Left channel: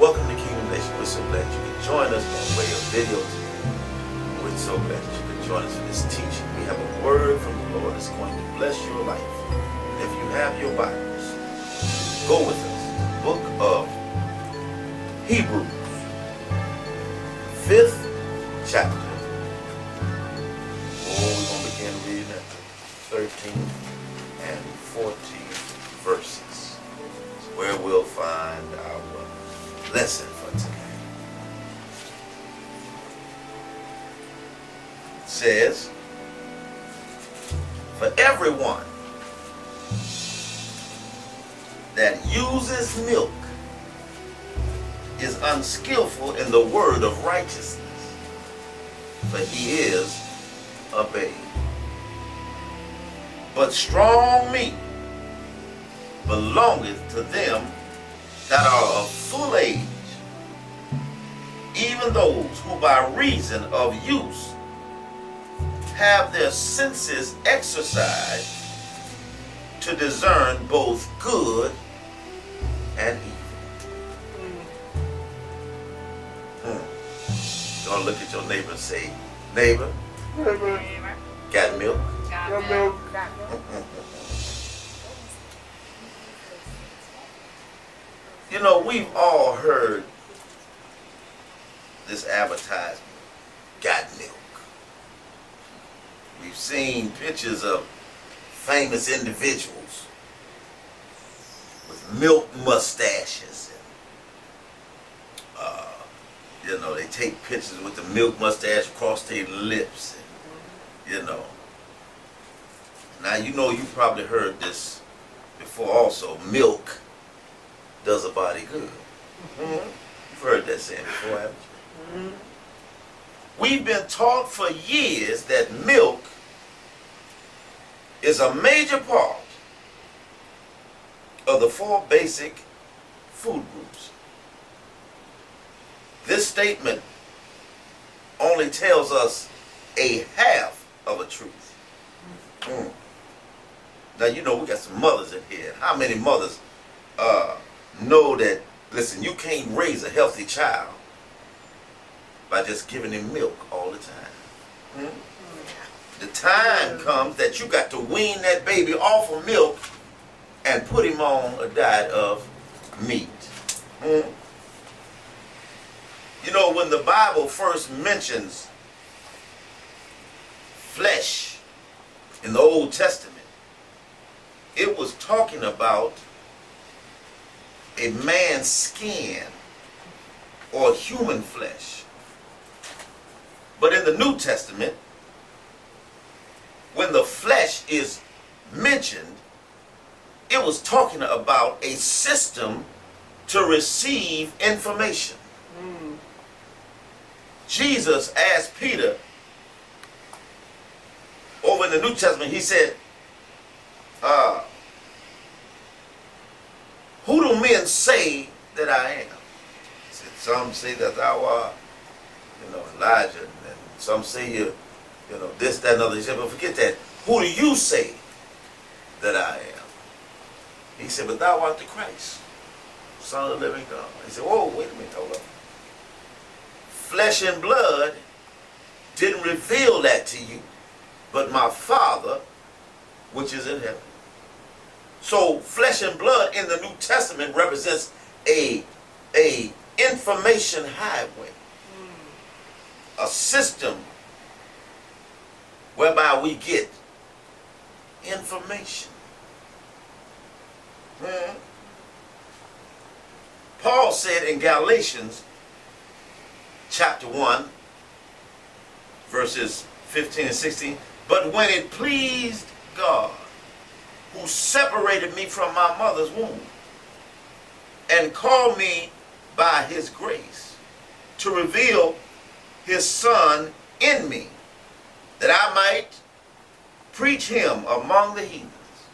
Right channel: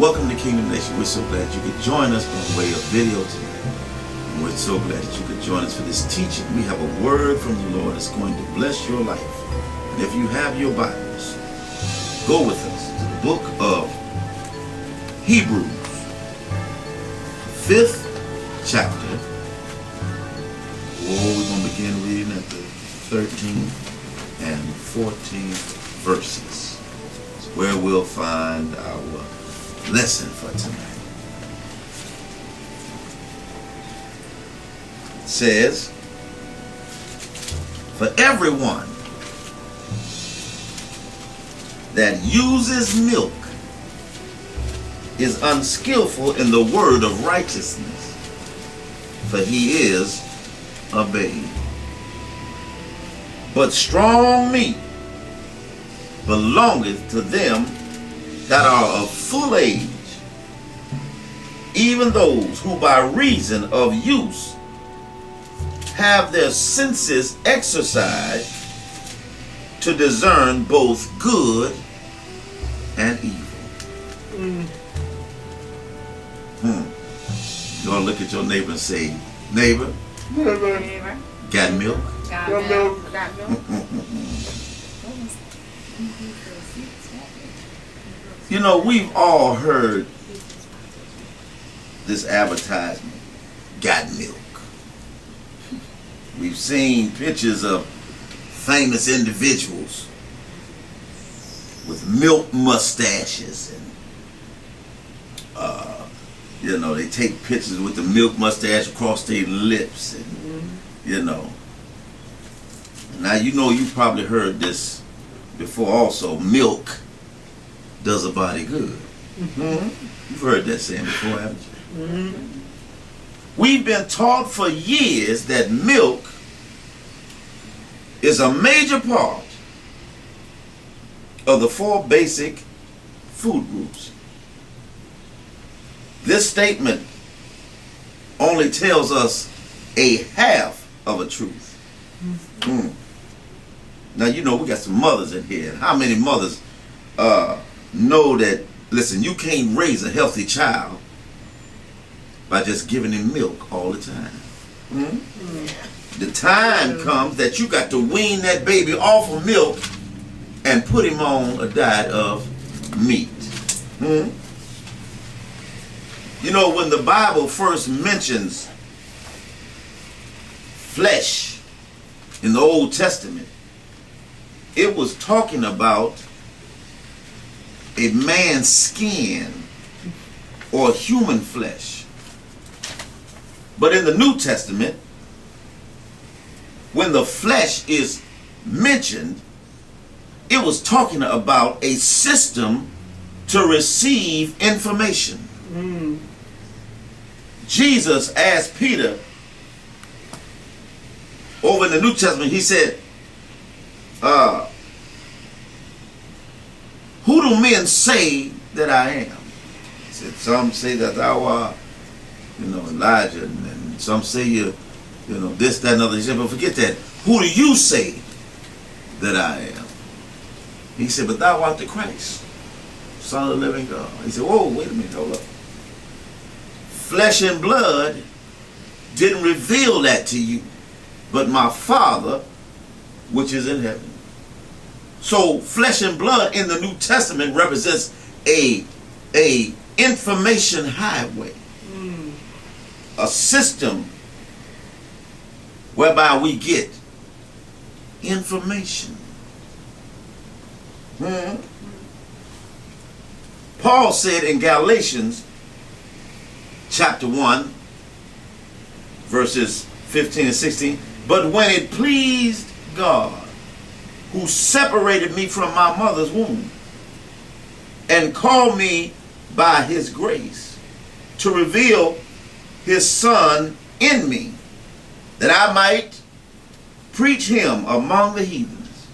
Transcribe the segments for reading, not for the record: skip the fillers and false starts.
Welcome to Kingdom Nation. We're so glad you could join us on way of video today. And we're so glad that you could join us for this teaching. We have a word from the Lord that's going to bless your life. And if you have your Bibles, go with us. The book of Hebrews, 5th chapter. We're going to begin reading at the 13th and 14th verses. It's where we'll find our lesson for tonight. It says, for everyone that uses milk is unskillful in the word of righteousness, for he is a babe. But strong meat belongeth to them that are of full age, even those who by reason of use have their senses exercised to discern both good and evil. You want to look at your neighbor and say, neighbor, got milk? Got milk. You know, we've all heard this advertisement, got milk. We've seen pictures of famous individuals with milk mustaches and you know, they take pictures with the milk mustache across their lips and you know. Now you know you probably heard this before also, milk does a body good. You've heard that saying before, haven't you? We've been taught for years that milk is a major part of the 4 basic food groups. This statement only tells us a half of a truth. Now you know we got some mothers in here. How many mothers know that, listen, you can't raise a healthy child by just giving him milk all the time. The time comes that you got to wean that baby off of milk and put him on a diet of meat. You know, when the Bible first mentions flesh in the Old Testament, it was talking about a man's skin or human flesh. But in the New Testament, when the flesh is mentioned, it was talking about a system to receive information. Jesus asked Peter over in the New Testament, he said, who do men say that I am? He said, some say that thou art, you know, Elijah, and some say you know, this, that, and other. He said, but forget that. Who do you say that I am? He said, but thou art the Christ, Son of the living God. He said, whoa, wait a minute, hold up. Flesh and blood didn't reveal that to you, but my Father, which is in heaven. So flesh and blood in the New Testament represents a information highway, a system whereby we get information. Paul said in Galatians chapter 1 verses 15 and 16, but when it pleased God, who separated me from my mother's womb and called me by his grace to reveal his Son in me, that I might preach him among the heathens.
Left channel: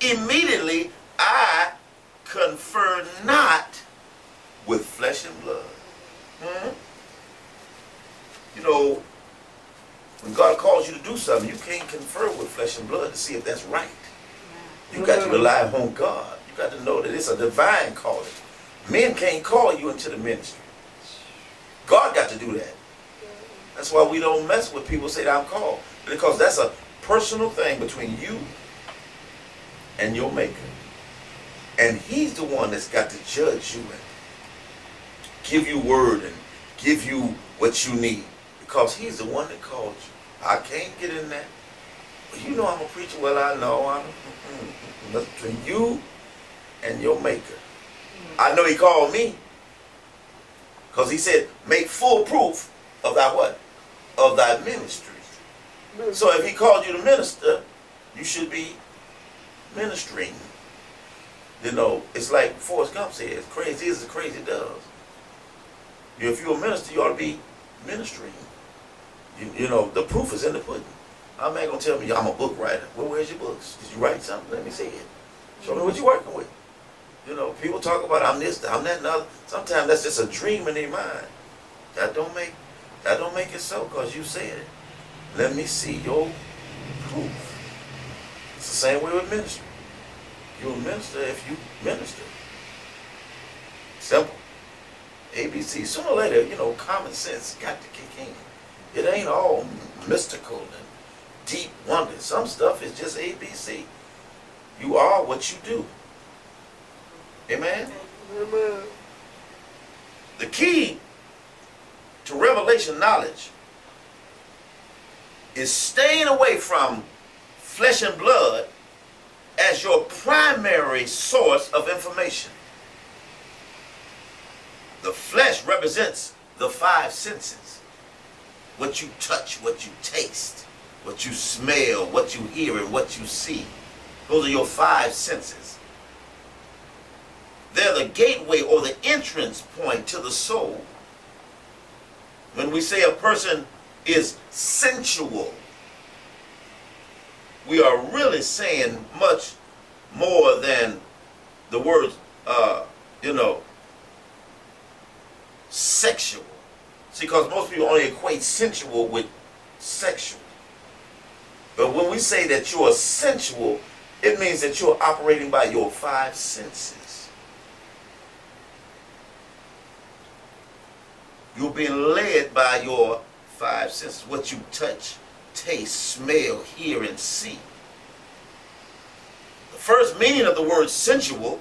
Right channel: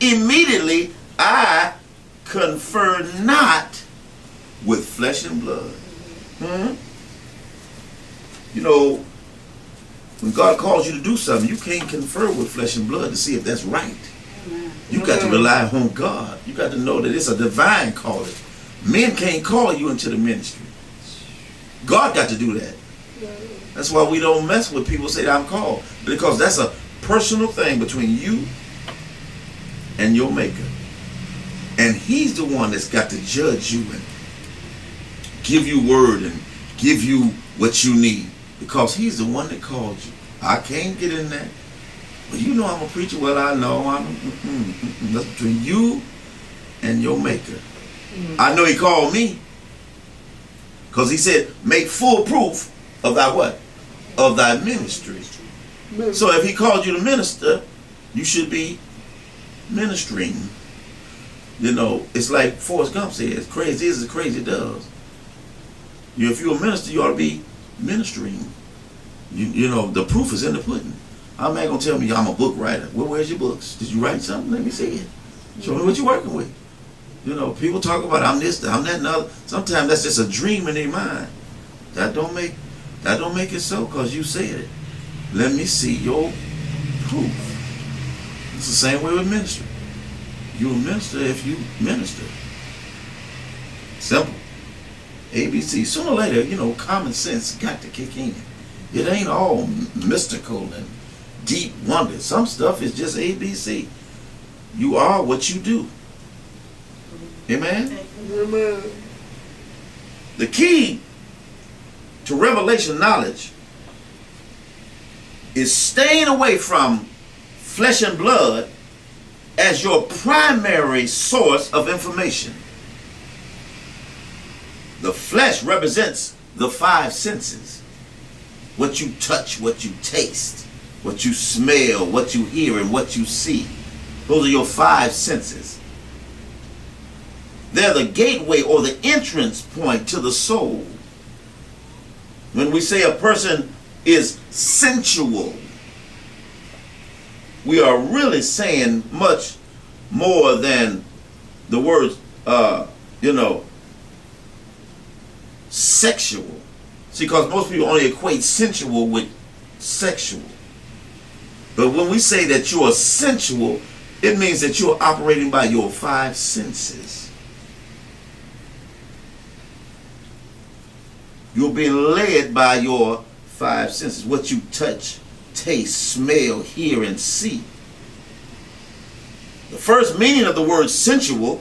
Immediately I confer not with flesh and blood. You know, when God calls you to do something, you can't confer with flesh and blood to see if that's right. You got to rely on God. You got to know that it's a divine calling. Men can't call you into the ministry. God got to do that. That's why we don't mess with people say that I'm called. Because that's a personal thing between you and your maker. And he's the one that's got to judge you and give you word and give you what you need. Because he's the one that called you. I can't get in that. Well, you know I'm a preacher. Well, I know. That's between you and your maker. I know he called me. Because he said, make full proof of thy what? Of thy ministry. So if he called you to minister, you should be ministering. You know, it's like Forrest Gump says, crazy is as crazy does. If you're a minister, you ought to be ministering. You know, the proof is in the pudding. I'm not going to tell me I'm a book writer. Well, where's your books? Did you write something? Let me see it. Show me what you're working with. You know, people talk about I'm this, I'm that, and other. Sometimes that's just a dream in their mind. That don't make it so because you said it. Let me see your proof. It's the same way with ministry. You're a minister if you minister. Simple. ABC. Sooner or later, you know, common sense got to kick in. It ain't all mystical and deep wonder. Some stuff is just ABC. You are what you do. Amen? Amen. The key to revelation knowledge is staying away from flesh and blood as your primary source of information. The flesh represents the five senses. What you touch, what you taste, what you smell, what you hear, and what you see. Those are your five senses. They're the gateway or the entrance point to the soul. When we say a person is sensual, we are really saying much more than the word, sexual. See, because most people only equate sensual with sexual. But when we say that you are sensual, it means that you're operating by your five senses. You're being led by your five senses. What you touch, taste, smell, hear, and see. The first meaning of the word sensual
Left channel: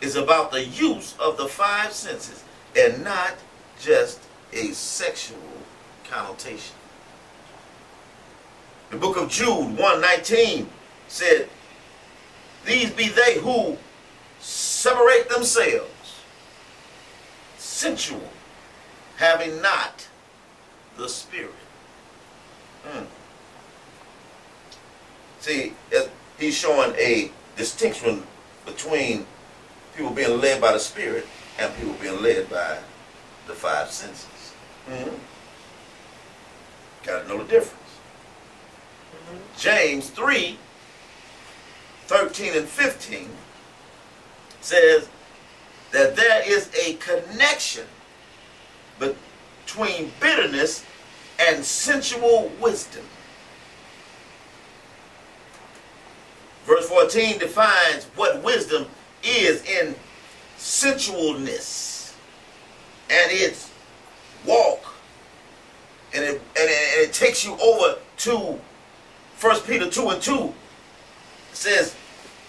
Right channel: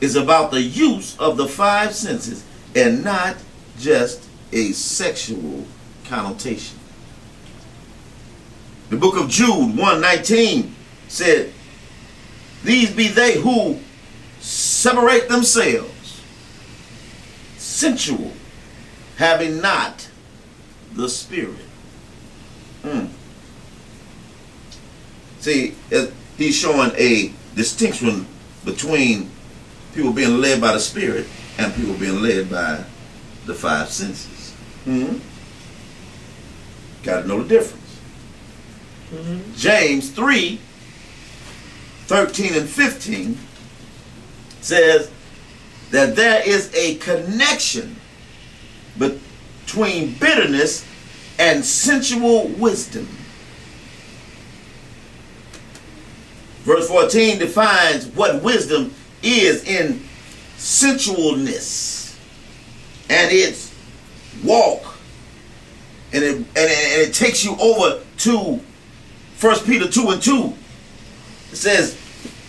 is about the use of the five senses and not just a sexual connotation. The book of Jude 1:19 said, these be they who separate themselves, sensual, having not the Spirit. See, he's showing a distinction between people being led by the Spirit and people being led by the five senses. Got to know the difference. James 3:13 and 15 says that there is a connection between bitterness and sensual wisdom. Verse 14 defines what wisdom is in sensualness and its walk, and it takes you over to 1 Peter 2:2. It says,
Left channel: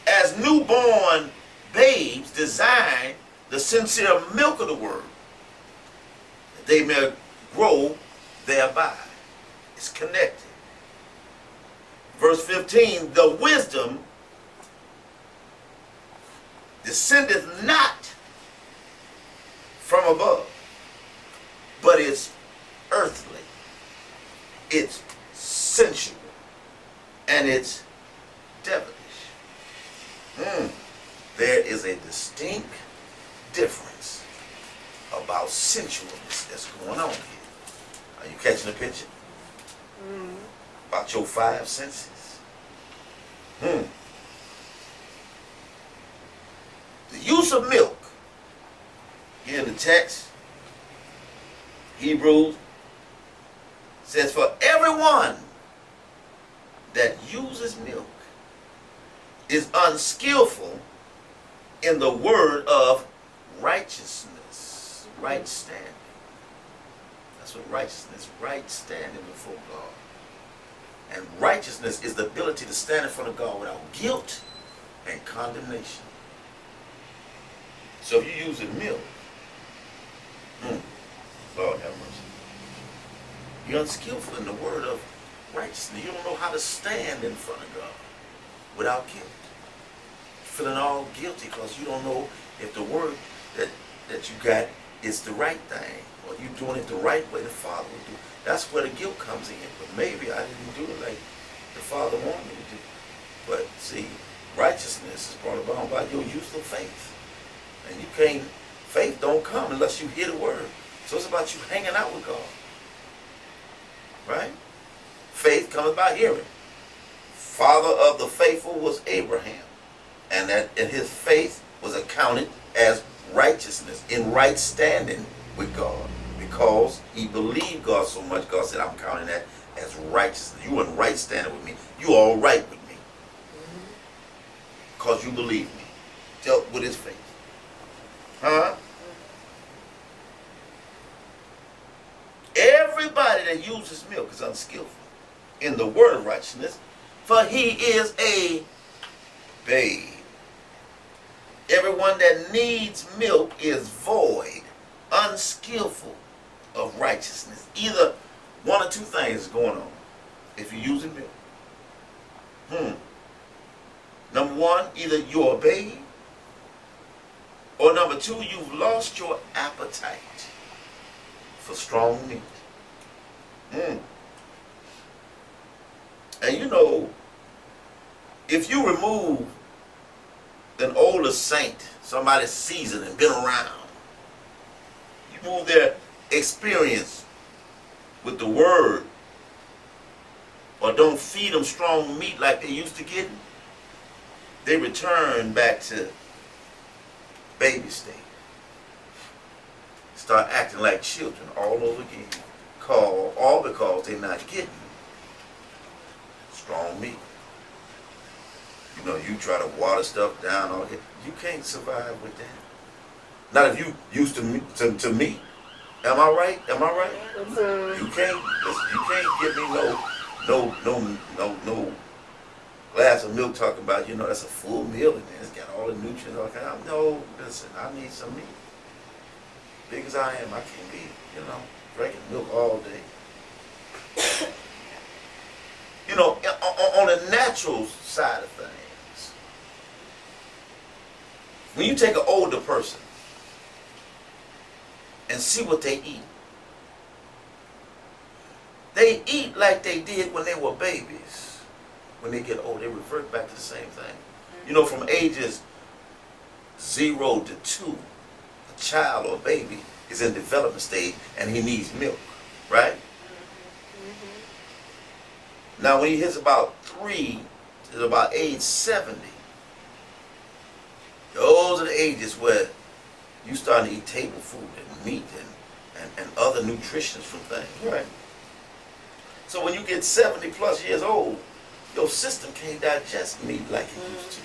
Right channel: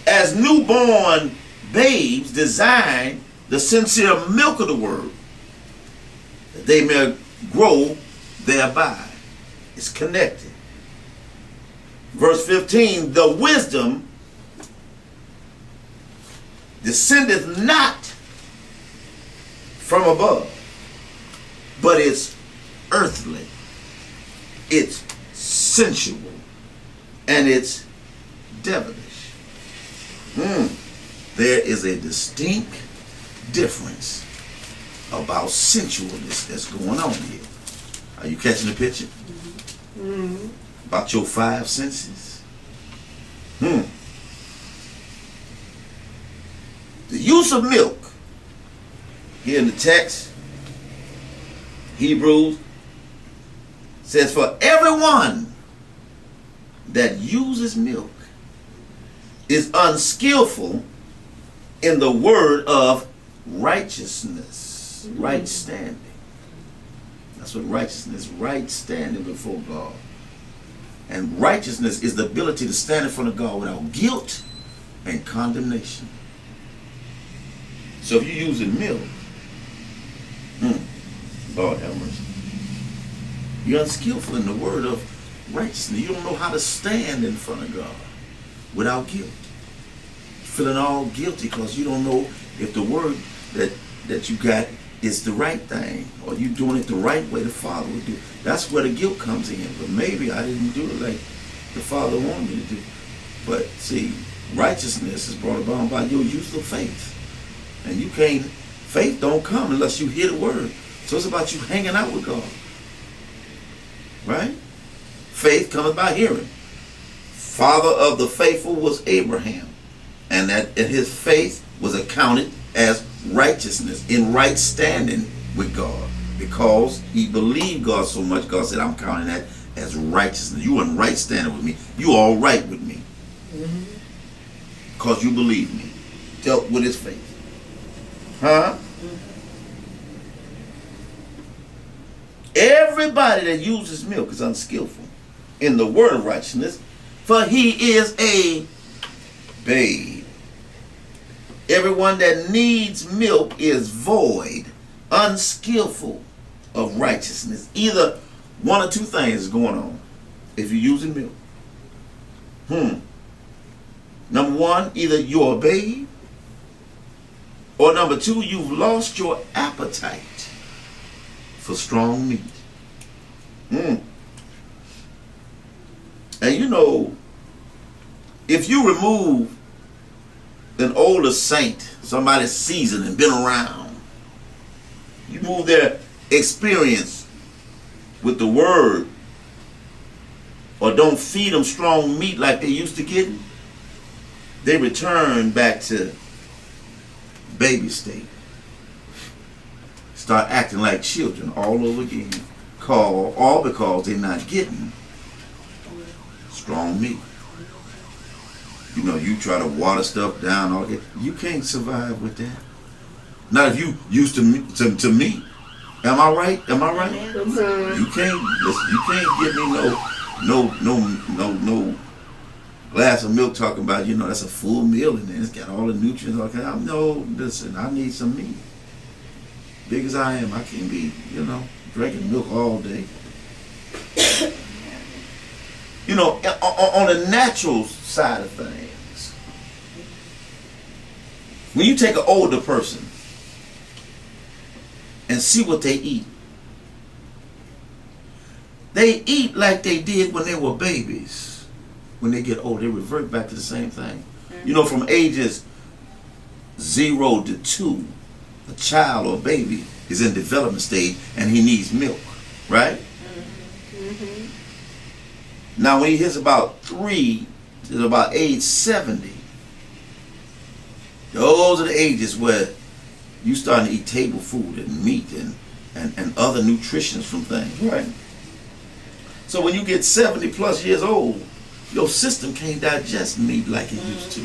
as newborn babes desire the sincere milk of the word, that they may grow thereby. It's connected. Verse 15, the wisdom descendeth not from above, but it's earthly, it's sensual, and it's devilish. There is a distinct difference about sensualness that's going on here. Are you catching the picture? About your five senses? The use of milk here in the text, Hebrews, says for everyone that uses milk is unskillful in the word of righteousness, right standing. That's what righteousness is, right standing before God. And righteousness is the ability to stand in front of God without guilt and condemnation. So if you're using milk, Lord have mercy, you're unskillful in the word of righteousness. You don't know how to stand in front of God without guilt. Feeling all guilty because you don't know if the word that you got is the right thing, or you doing it the right way the Father would do. That's where the guilt comes in. But maybe I didn't do it like the Father wanted me to do. But see, righteousness is brought about by your use of faith. And you can't, faith don't come unless you hear the word. So it's about you hanging out with God. Right? Faith cometh by hearing. Father of the faithful was Abraham. And that his faith was accounted as righteousness, in right standing with God. Because he believed God so much, God said, I'm counting that as righteousness. You in right standing with me. You all right with me. Because you believe me. Dealt with his faith. Huh? Everybody that uses milk is unskillful in the word of righteousness, for he is a babe. Everyone that needs milk is void, unskillful of righteousness. Either one or two things is going on if you're using milk. Number one, either you're a babe, or number two, you've lost your appetite for strong meat. And you know, if you remove an older saint, somebody seasoned and been around, you move their experience with the word, or don't feed them strong meat like they used to get, they return back to baby state. Start acting like children all over again. All because they're not getting strong meat. You know, you try to water stuff down, all that. You can't survive with that. Not if you used to meat. Am I right? Am I right? You can't. Listen, you can't give me no glass of milk talking about, you know, that's a full meal and then it's got all the nutrients. All kind. No, listen, I need some meat. Big as I am, I can't be, you know, drinking milk all day. You know, on the natural side of things, when you take an older person and see what they eat like they did when they were babies. When they get old, they revert back to the same thing. You know, from ages 0 to 2, a child or a baby is in development stage and he needs milk, right? Now when he hits about 3 to about age 70, those are the ages where you starting to eat table food and meat and other nutritions from things, right? So when you get 70 plus years old, your system can't digest meat like it used to.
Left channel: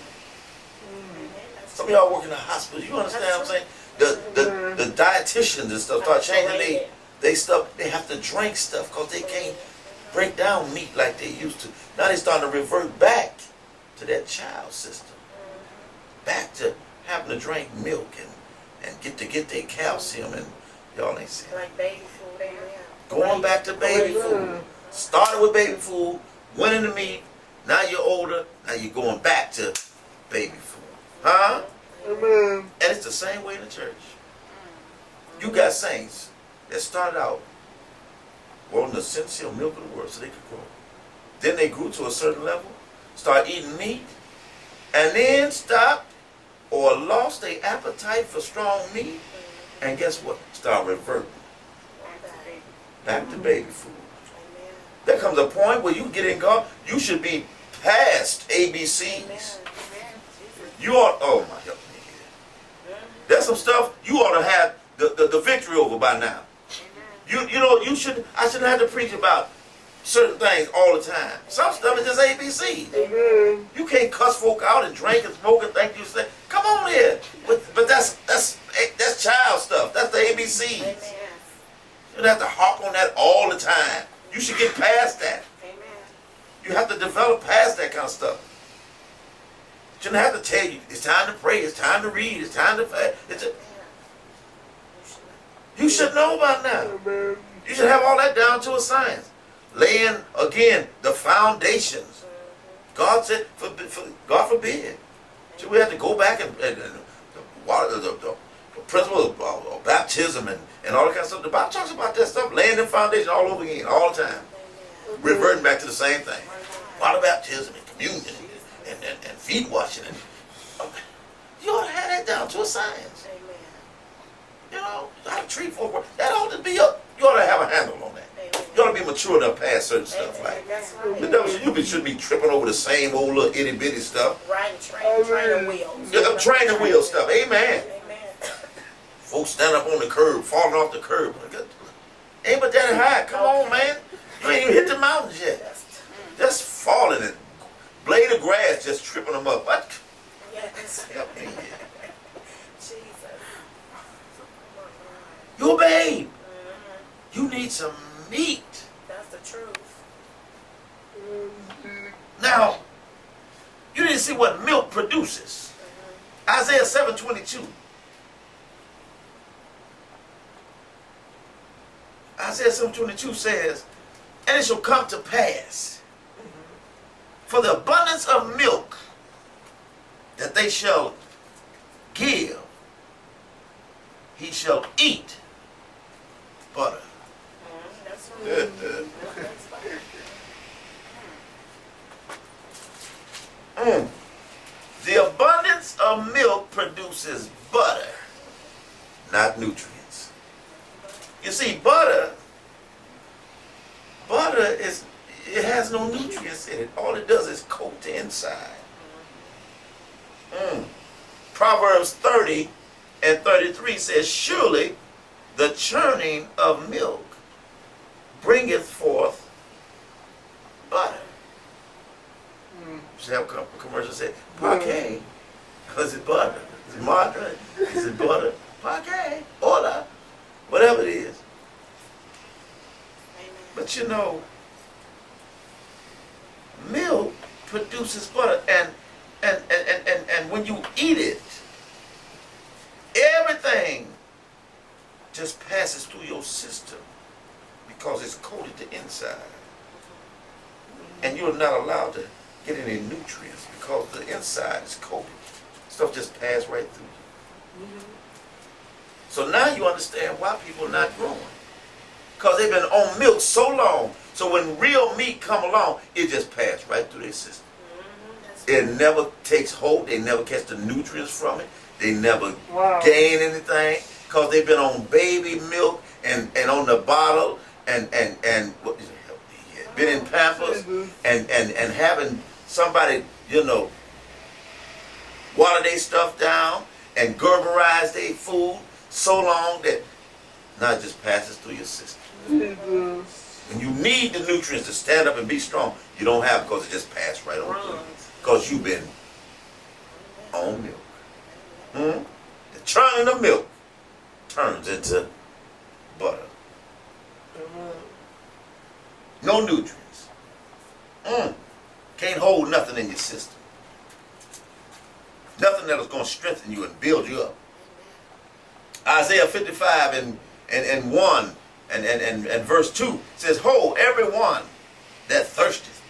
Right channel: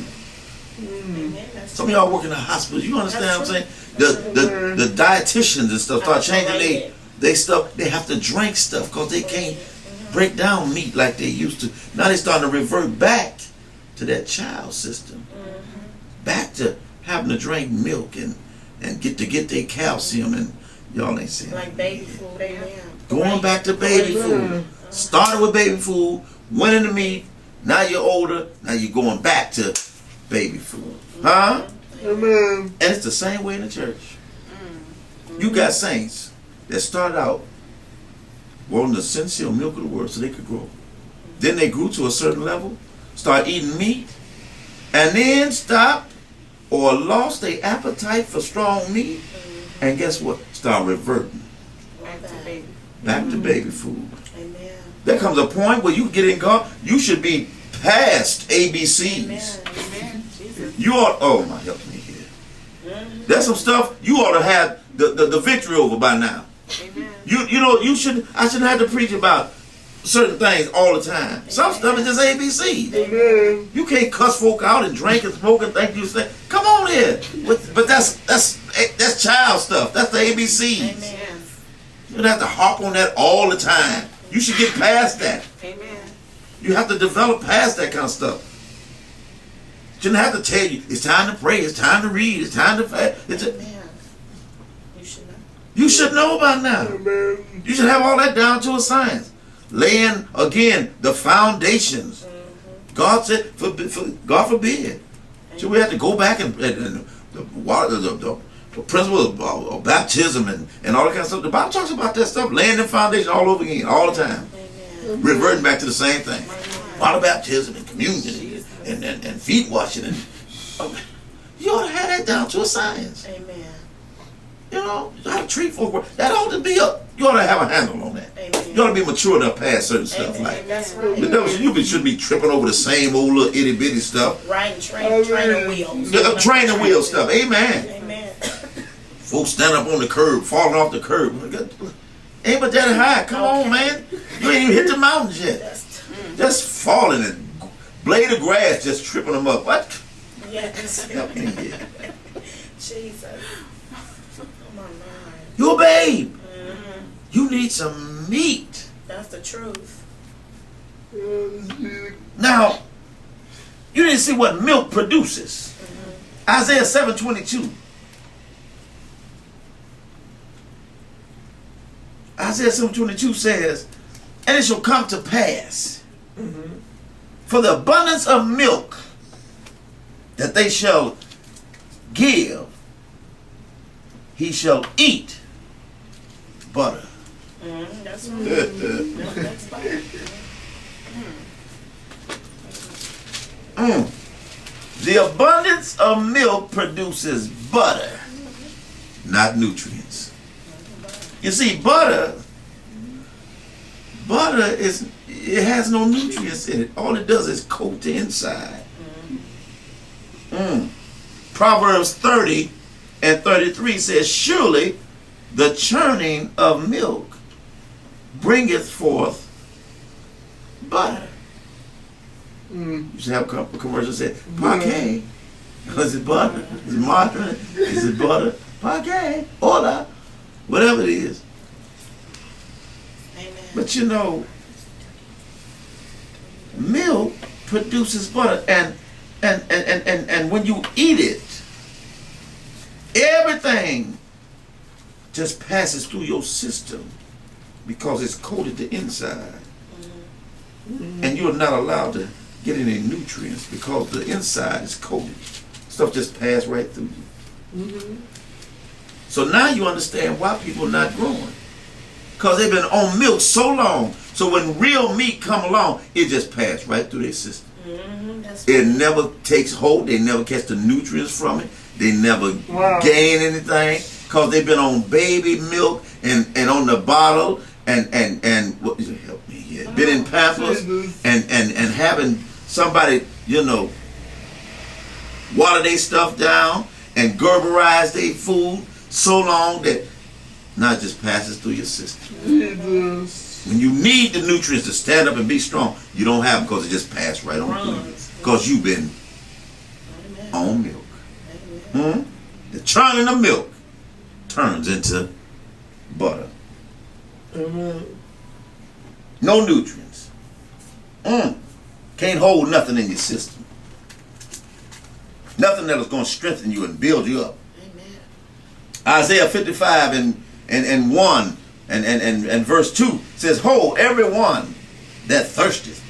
Some of y'all work in the hospital. You understand what I'm saying? The dietitians and stuff start changing they stuff. They have to drink stuff because they can't break down meat like they used to. Now they're starting to revert back to that child system, back to having to drink milk and get their calcium, and y'all ain't saying like baby food. Going back to baby food. Started with baby food, went into meat. Now you're older. Now you're going back to baby food, huh? Amen. And it's the same way in the church. You got saints that started out wanting the sincere milk of the word so they could grow. Then they grew to a certain level, start eating meat, and then stopped or lost their appetite for strong meat. And guess what? Start reverting back to baby food. There comes a point where you get in God, you should be past ABCs. You ought, oh my, help me here. There's some stuff you ought to have the victory over by now. You know, I shouldn't have to preach about certain things all the time. Some stuff is just ABC. Amen. You can't cuss folk out and drink and smoke and think you say, come on here. But that's child stuff. That's the ABCs. Amen. You don't have to harp on that all the time. You should get past that. Amen. You have to develop past that kind of stuff. Shouldn't have to tell you, it's time to pray, it's time to read, it's time to fast. Amen. You should know about now. Amen. You should have all that down to a science. Laying, again, the foundations. God said, God forbid. Should we have to go back and the principle of baptism and all that kind of stuff? The Bible talks about that stuff, laying the foundation all over again, all the time. Reverting back to the same thing. Water baptism and communion and feet washing. You ought to have that down to a science. Amen. You know, how to treat folk. That ought to be up. You ought to have a handle on that. Amen. You ought to be mature enough past certain stuff. Amen. Like, That's right. the devil shouldn't be tripping over the same old little itty bitty stuff. Right, train wheels. The training wheel stuff. Amen. Amen. Folks stand up on the curb, falling off the curb. Ain't but that high. Come on, man. You ain't even hit the mountains yet. Just falling and blade of grass just tripping them up. What? Yes. Help me here. Jesus. You a babe. You need some meat. That's the truth. Now, you need to see what milk produces. Isaiah 7:22. Isaiah 7:22 says, and it shall come to pass for the abundance of milk that they shall give, he shall eat butter. That's right. The abundance of milk produces butter, not nutrients. You see, butter it has no nutrients in it. All it does is coat the inside. Proverbs 30:33 says, surely the churning of milk bringeth forth butter. You should have a commercial say, Parquet. Is it butter? Is it margarine? Is it butter? Parquet. Hola. Whatever it is. Amen. But you know, milk produces butter, and when you eat it, everything just passes through your system because it's coated the inside. And you're not allowed to get any nutrients because the inside is coated. Stuff just passes right through you. So now you understand why people are not growing. Because they've been on milk so long. So when real meat come along, it just passes right through their system. It never takes hold. They never catch the nutrients from it. They never gain anything because they've been on baby milk and on the bottle and what help me here? Been in Pampers and having somebody, you know, water their stuff down and Gerberize their food so long that now it just passes through your system. When you need the nutrients to stand up and be strong, you don't have them because it just passed right on through you. Because you've been on milk. The churning of milk turns into butter. No nutrients. Can't hold nothing in your system. Nothing that is going to strengthen you and build you up. Isaiah 55 and 1 and verse 2 says, ho, everyone that thirsteth,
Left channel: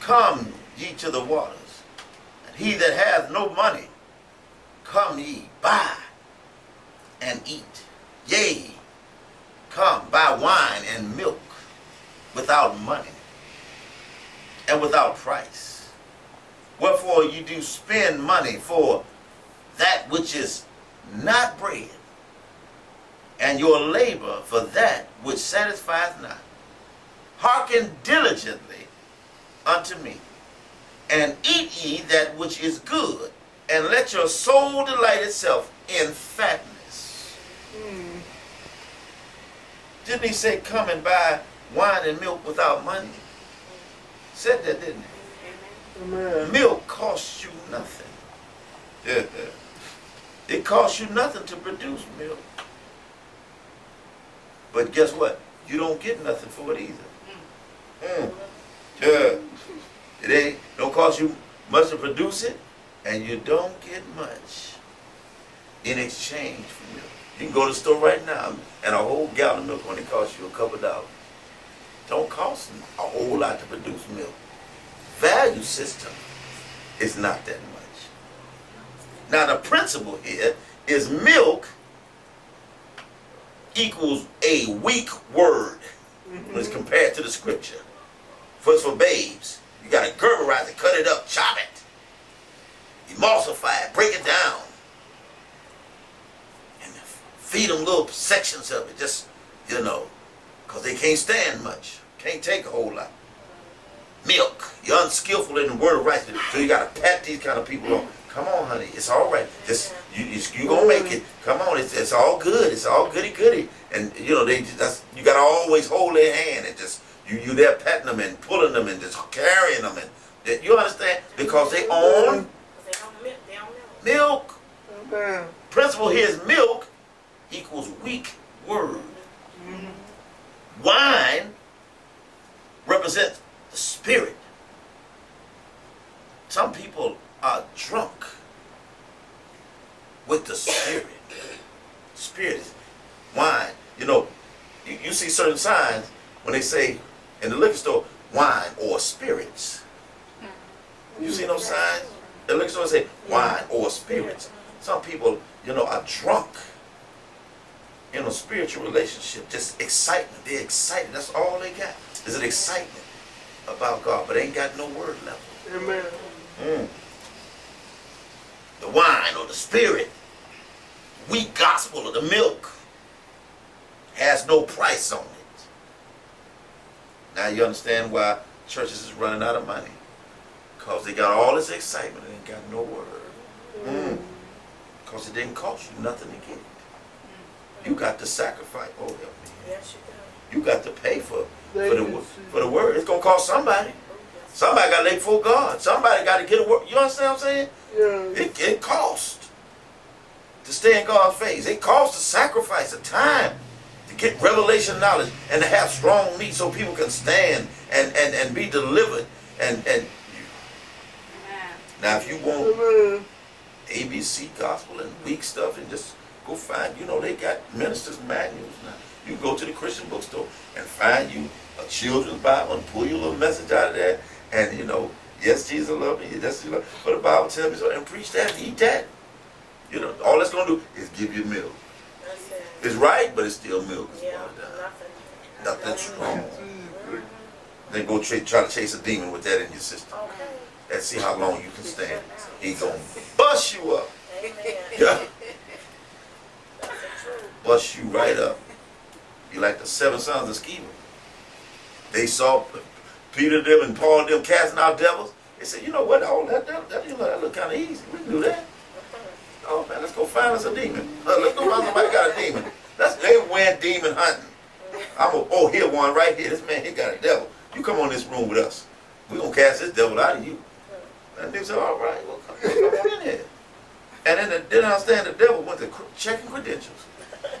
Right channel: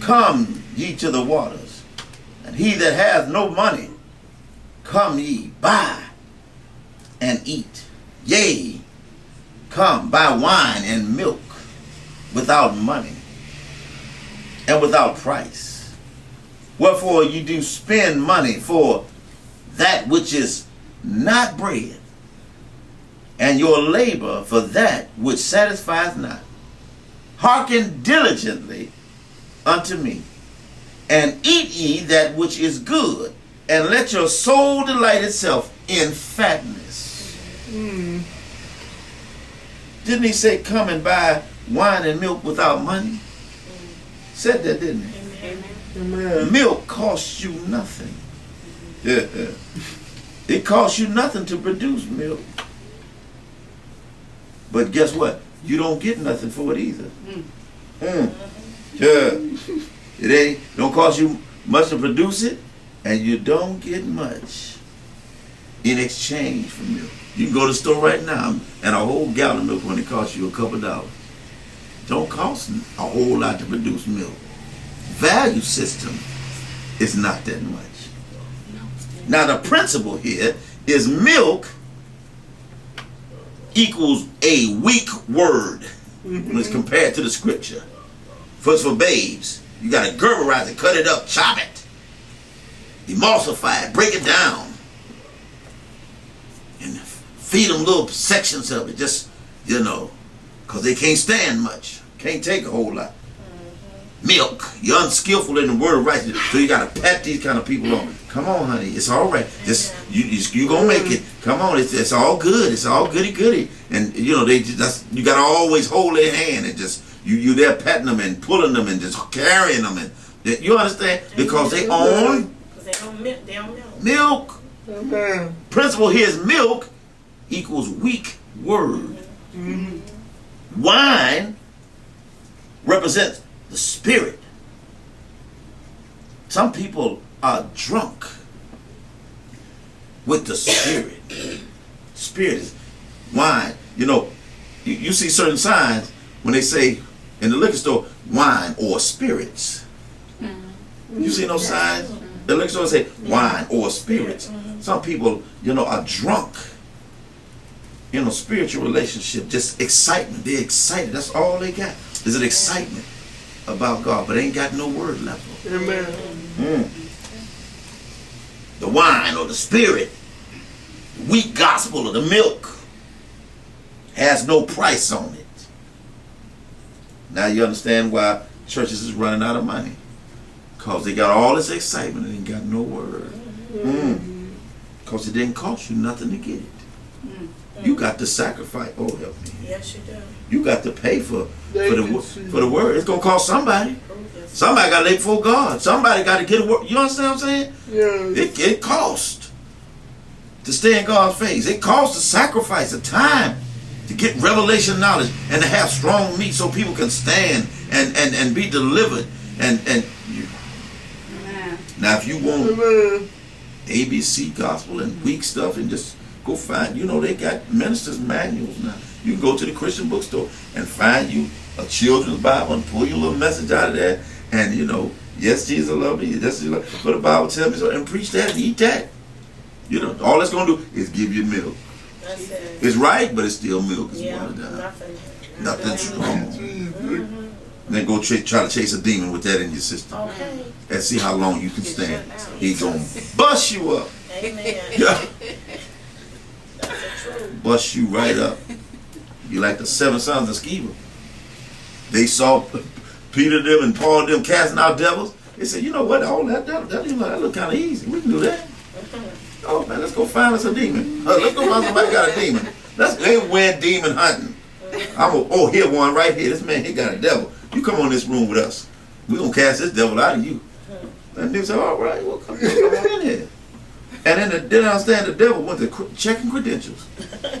come ye to the waters, and he that hath no money, come ye, buy and eat. Yea, come, buy wine and milk without money and without price. Wherefore ye do spend money for that which is not bread, and your labor for that which satisfieth not. Hearken diligently unto me, and eat ye that which is good, and let your soul delight itself in fatness. Didn't he say, come and buy wine and milk without money? Said that, didn't it? Amen. Milk costs you nothing. Yeah. It costs you nothing to produce milk. But guess what? You don't get nothing for it either. Yeah. It don't cost you much to produce it, and you don't get much in exchange for milk. You can go to the store right now and a whole gallon of milk when it costs you a couple of dollars. Don't cost a whole lot to produce milk. Value system is not that much. Now the principle here is milk equals a weak word when it's compared to the scripture. For babes, you gotta gerberize it, cut it up, chop it, emulsify it, break it down, and feed them little sections of it, just, because they can't stand much, can't take a whole lot. Milk, you're unskillful in the word of righteousness, so you gotta pat these kind of people on. Come on, honey, it's all right. Just you gonna make it. Come on, it's all good. It's all goody goody. And you gotta always hold their hand and just you there patting them and pulling them and just carrying them, and you understand, because they own milk. Amen. Principle here is milk equals weak word. Wine represents the spirit. Some people are drunk with the spirit. Spirit is wine. You see certain signs when they say in the liquor store, wine or spirits. You see those signs? The liquor store say wine or spirits. Some people, are drunk in a spiritual relationship, just excitement. They're excited. That's all they got. Is an excitement about God, but they ain't got no word level. Amen. The wine or the spirit, the weak gospel of the milk, has no price on it. Now you understand why churches is running out of money. Because they got all this excitement and ain't got no word. Because it didn't cost you nothing to get it. You got to sacrifice. Oh, help me. Yes, you do. You got to pay for the word. It's going to cost somebody. Somebody got to lay before God. Somebody got to get a word. You understand what I'm saying? Yeah. It costs to stay in God's face. It costs to sacrifice the time to get revelation knowledge and to have strong meat so people can stand and be delivered. Now if you want ABC gospel and weak stuff, and just go find, they got ministers' manuals now. You can go to the Christian bookstore and find you a children's Bible and pull your little message out of that, and yes, Jesus loved me, yes, Jesus loved me, but the Bible tells me so, and preach that and eat that. All that's gonna do is give you milk. It's right, but it's still milk. It's nothing strong. Then go try to chase a demon with that in your system. And see how long you can stand. He's gonna bust you up. Yeah. Bust you right up. You like the 7 sons of Sceva. They saw Peter them and Paul them casting out devils. They said, you know what, all that look kind of easy. We can do that. Oh man, let's go find us a demon. Let's go find somebody got a demon. They went demon hunting. Here one right here. This man, he got a devil. You come on this room with us. We're going to cast this devil out of you. And they said, all right, well, come on in here. And then didn't understand the devil went to checking credentials.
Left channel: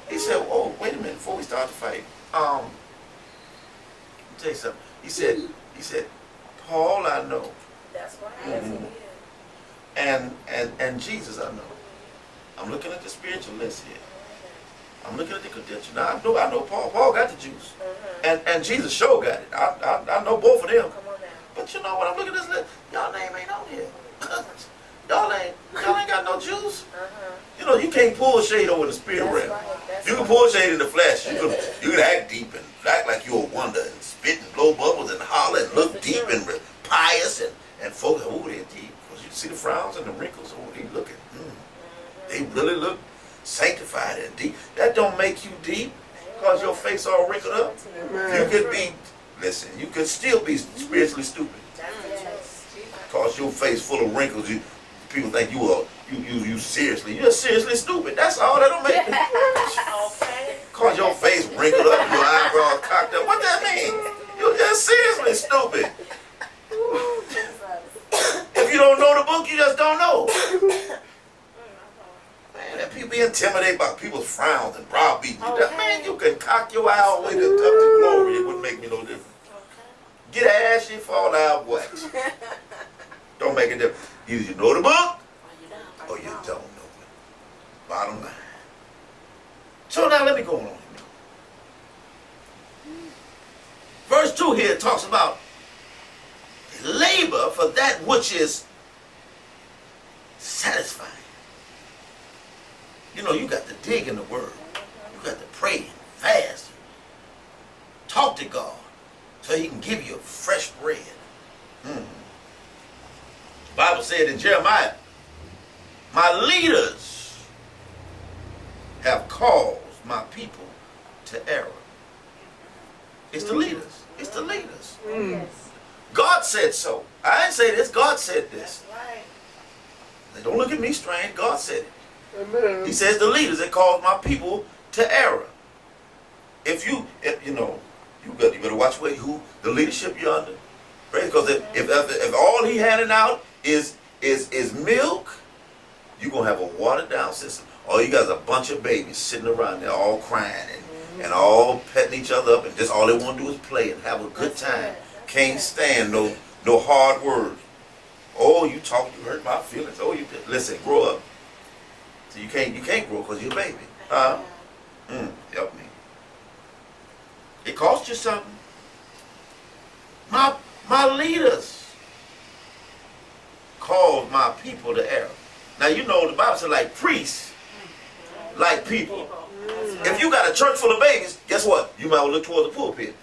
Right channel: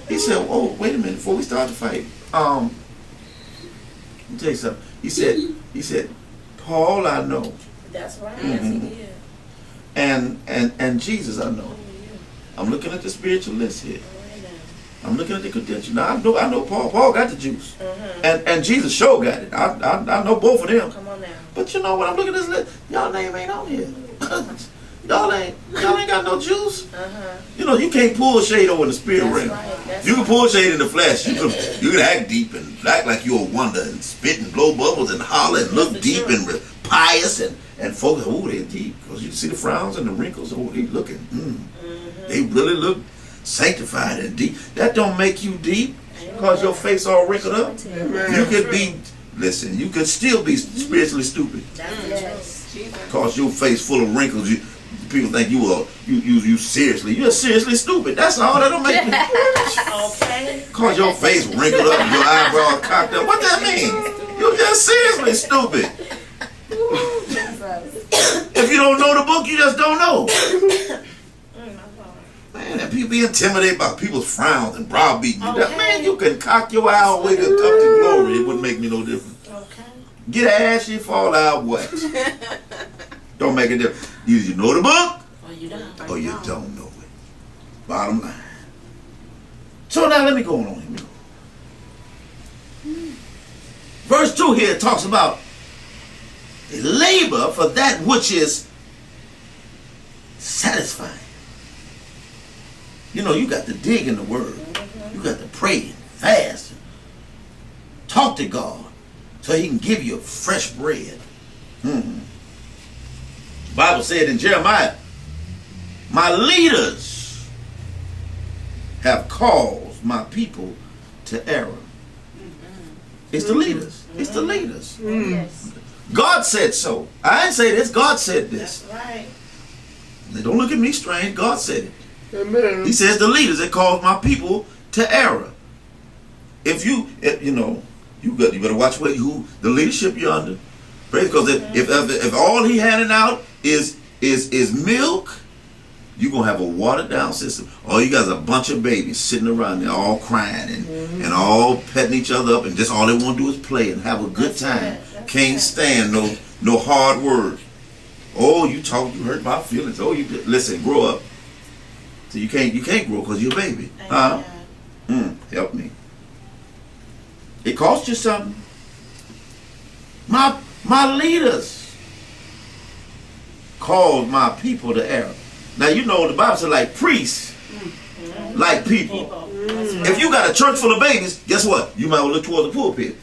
He said, oh, wait a minute, before we start the fight, let me tell you something. He said, Paul I know. That's right. And Jesus I know. I'm looking at the spiritual list here. I'm looking at the credentials. Now I know Paul. Paul got the juice. And Jesus sure got it. I know both of them. Come on now. But you know what? I'm looking at this list. Y'all name ain't on here. y'all ain't got no juice. You can't pull shade over in the spirit realm. Right. You can pull shade in the flesh. You can act deep and act like you're a wonder and spit and blow bubbles and holler and look deep and pious and folks, they're deep. Because you see the frowns and the wrinkles. They looking. They really look sanctified and deep. That don't make you deep because your face all wrinkled up. You could be, you could still be spiritually stupid because your face full of wrinkles. People think you seriously. You're seriously stupid. That's all. That don't make you. Cause your face wrinkled up and your eyebrows cocked up. What that mean? You just seriously stupid. If you don't know the book, you just don't know. Man, and people be intimidated by people's frowns and browbeating you. Okay. Man, you can cock your eye all the way up to glory. It wouldn't make me no difference. Okay. Get ashy, fall out what? Don't make a difference. Either you know the book Or you don't. or you don't know it. Bottom line. So now let me go on here. Verse 2 here talks about labor for that which is satisfying. You know, you got to dig in the word. You got to pray and fast. And talk to God so he can give you fresh bread. The Bible said in Jeremiah, my leaders have caused my people to err. It's the leaders. It's the leaders. God said so. I didn't say this. God said this. That's right. Now, don't look at me strange. God said it. Amen. He says the leaders that caused my people to err. If you know, you better watch who the leadership you're under. Because if all he handing out is milk, you're gonna have a watered down system. All you got is a bunch of babies sitting around there all crying and all petting each other up, and just all they want to do is play and have a good time. Can't stand no hard words. Oh, you hurt my feelings. Oh, listen, grow up. So you can't grow because you're a baby. Huh? Help me. It costs you something. My leaders called my people to error. Now you know the Bible says like priests, like people. If you got a church full of babies, guess what? You might well look toward the pulpit.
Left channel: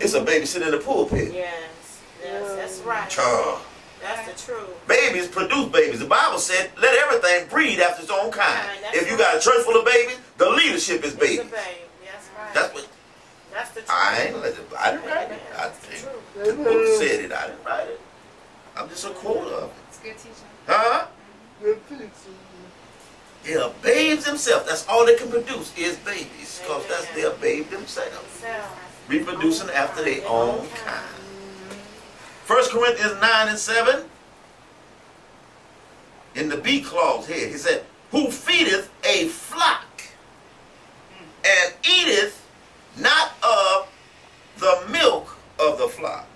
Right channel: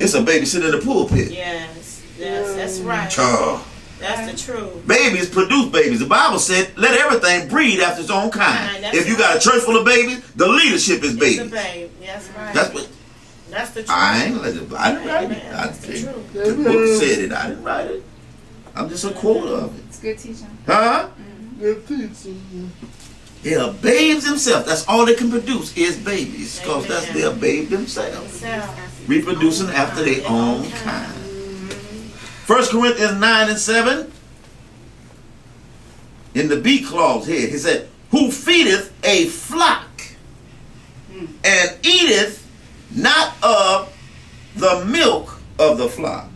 It's a baby sitting in the pulpit. Yes, that's right. Child. That's the truth. Babies produce babies. The Bible said, let everything breed after its own kind. Right, If you got a church full of babies, the leadership is It's babies. a babe. That's right. That's the truth. truth. I didn't write it. That's the truth. The book said it. I didn't write it. I'm just a quote of it. It's good teaching. Huh? Good teaching. Yeah, babes themselves. That's all they can produce is babies. Because they're babe themselves. Reproducing after their own kind. 1 Corinthians 9 and 7. In the B clause here, he said, who feedeth a flock and eateth not of the milk of the flock.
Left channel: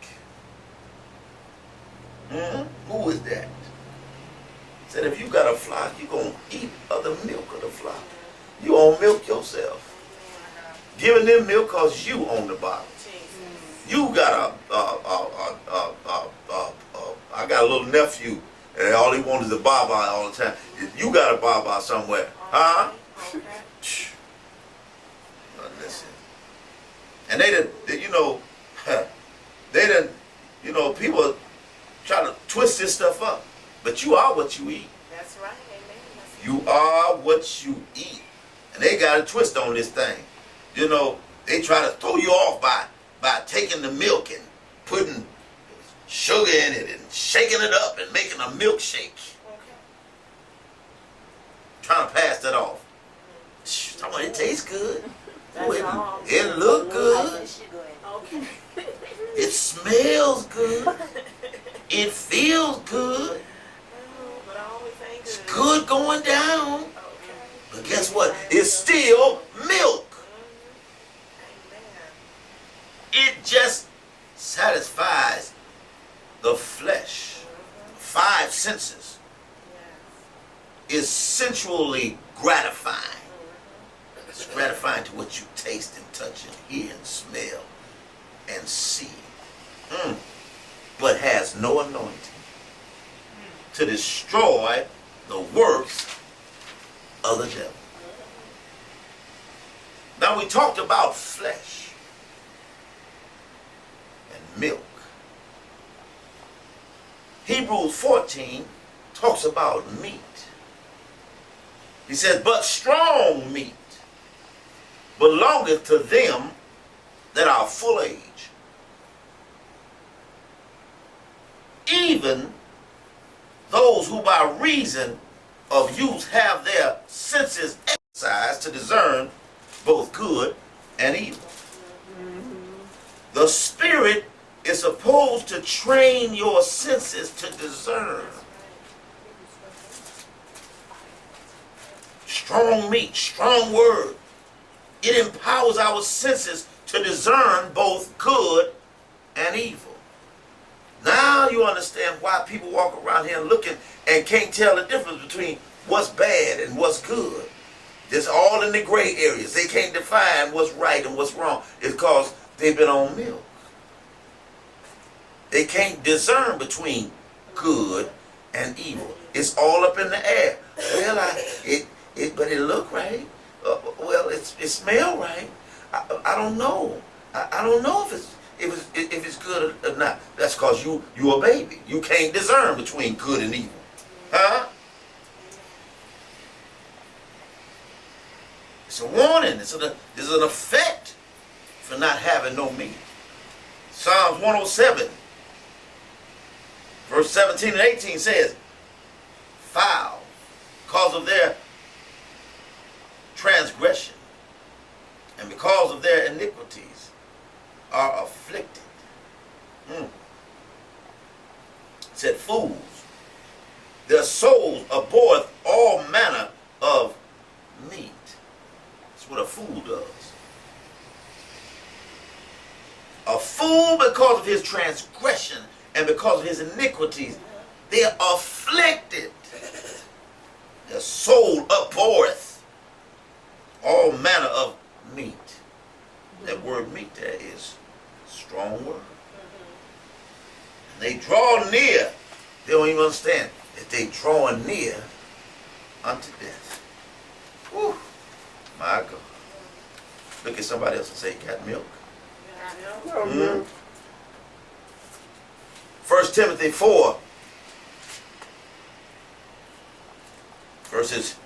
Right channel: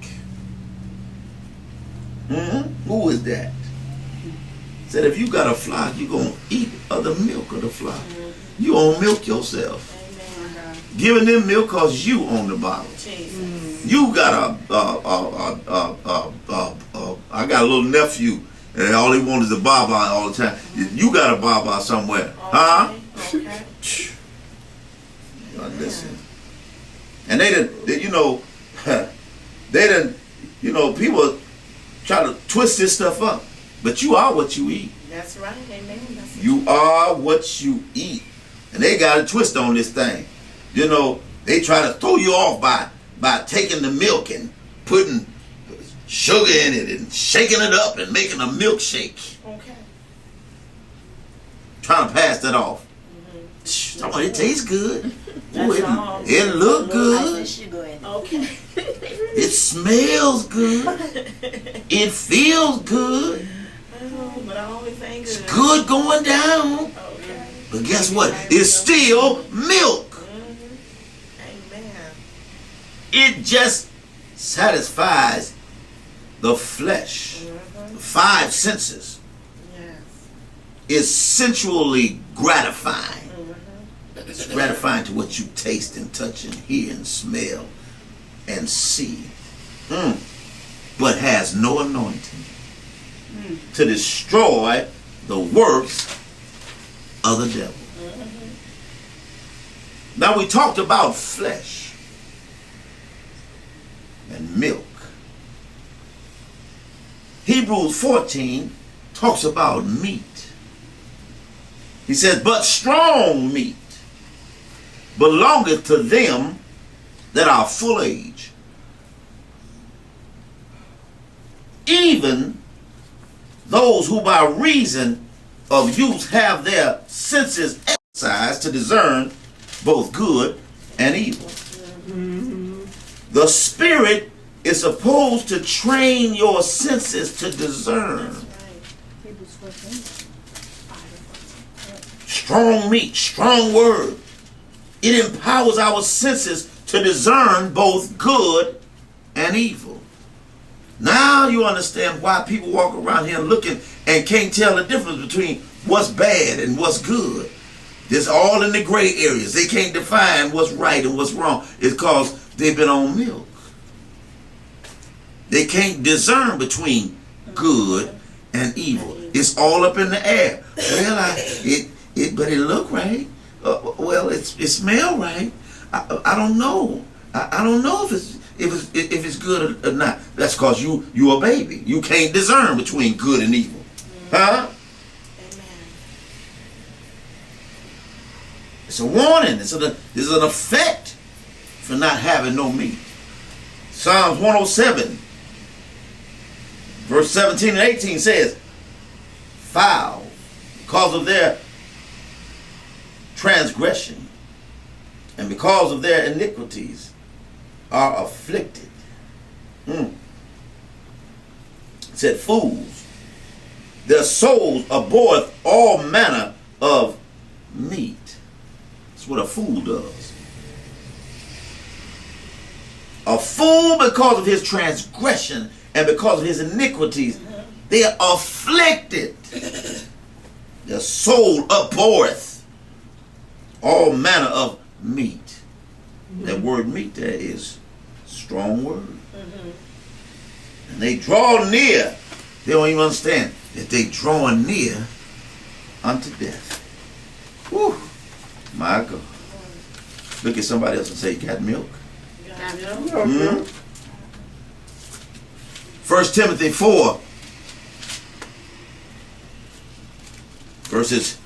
Who is that? Said if you got a flock, you're going to eat of the milk of the flock. You don't milk yourself. Giving them milk because you own the bottle. You got I got a little nephew and all he wants is a baba all the time. You got a baba somewhere. Huh? Listen. And they people try to twist this stuff up. But you are what you eat. That's right. Amen. You are what you eat. And they got a twist on this thing. You know, they try to throw you off by taking the milk and putting sugar in it and shaking it up and making a milkshake. Okay. Trying to pass that off. Somebody, it tastes good. Ooh, That's it look good. Okay. It smells good. It feels good. Oh, but I always ain't It's good. good going down. Okay. But guess what? It's still milk. Amen. It just satisfies the flesh. The five senses Yes. is sensually gratifying. It's gratifying to what you taste and touch and hear and smell and see. But has no anointing to destroy the works of the devil. Now we talked about flesh and milk. Hebrews 14 talks about meat. He says, but strong meat belongeth to them that are full age, even those who by reason of use have their senses exercised to discern both good and evil. The Spirit is supposed to train your senses to discern. Strong meat, strong word. It empowers our senses to discern both good and evil. Now you understand why people walk around here looking and can't tell the difference between what's bad and what's good. It's all in the gray areas. They can't define what's right and what's wrong. It's because they've been on milk. They can't discern between good and evil. It's all up in the air. Well, but it look right. Well, it smell right. I don't know. I don't know if it's good or not. That's because you a baby. You can't discern between good and evil. Huh? It's a warning. It's an effect for not having no meat. Psalms 107, verse 17 and 18 says, foul, because of their transgression and because of their iniquities, are afflicted. It said, fools, their souls abhorreth all manner of meat. That's what a fool does. A fool, because of his transgression and because of his iniquities, they are afflicted. Their soul abhorreth all manner of meat. That word meat there is a strong word. And they draw near. They don't even understand that they drawing near unto death. Whew. My God. Look at somebody else and say, you got milk? Mm-hmm. 1 Timothy 4, verses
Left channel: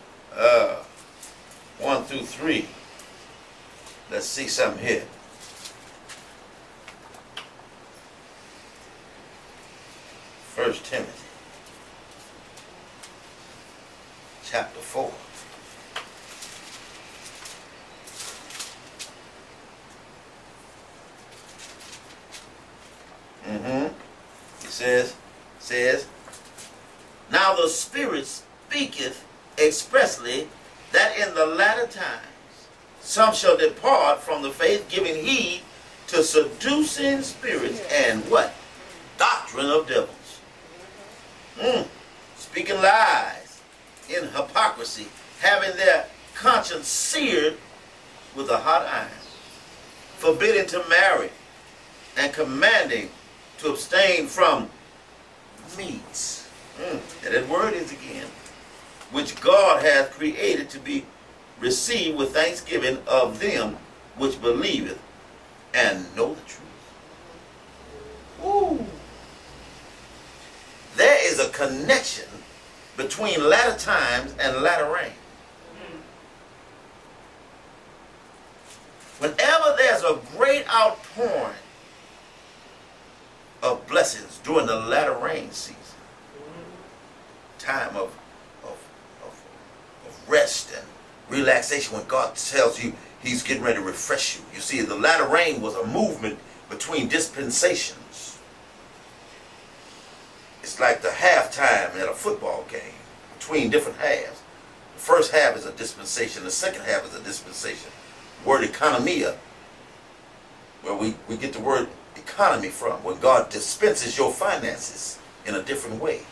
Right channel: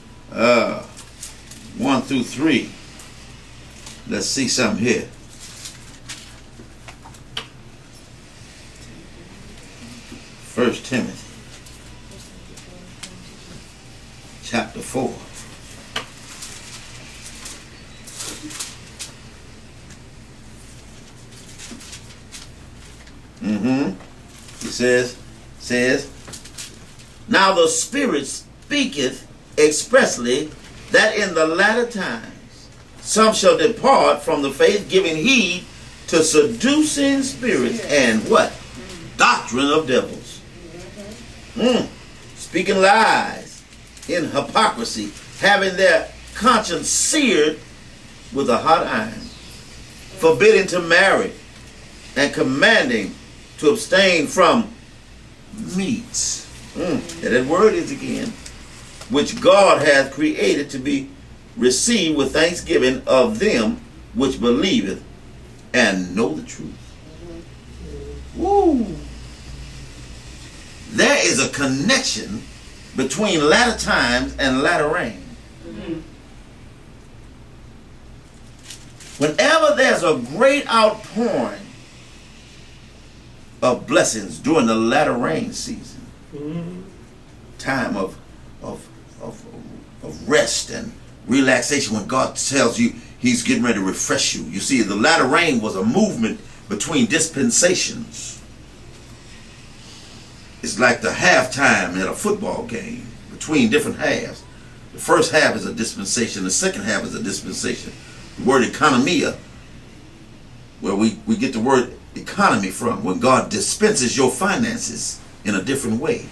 1 through 3. Let's see something here. First Timothy chapter 4. It says, now the Spirit speaketh expressly that in the latter times some shall depart from the faith, giving heed to seducing spirits and what? Doctrine of devils. Speaking lies in hypocrisy, having their conscience seared with a hot iron, forbidding to marry, and commanding to abstain from meats. That word is again, which God hath created to be received with thanksgiving of them which believeth and know the truth. Woo! There is a connection between latter times and latter rain. Whenever there's a great outpouring of blessings during the latter rain season, time of rest and relaxation, when God tells you he's getting ready to refresh you. You see, the latter rain was a movement between dispensations. It's like the halftime at a football game between different halves. The first half is a dispensation, the second half is a dispensation. The word economia, where we get the word economy from, when God dispenses your finances in a different way.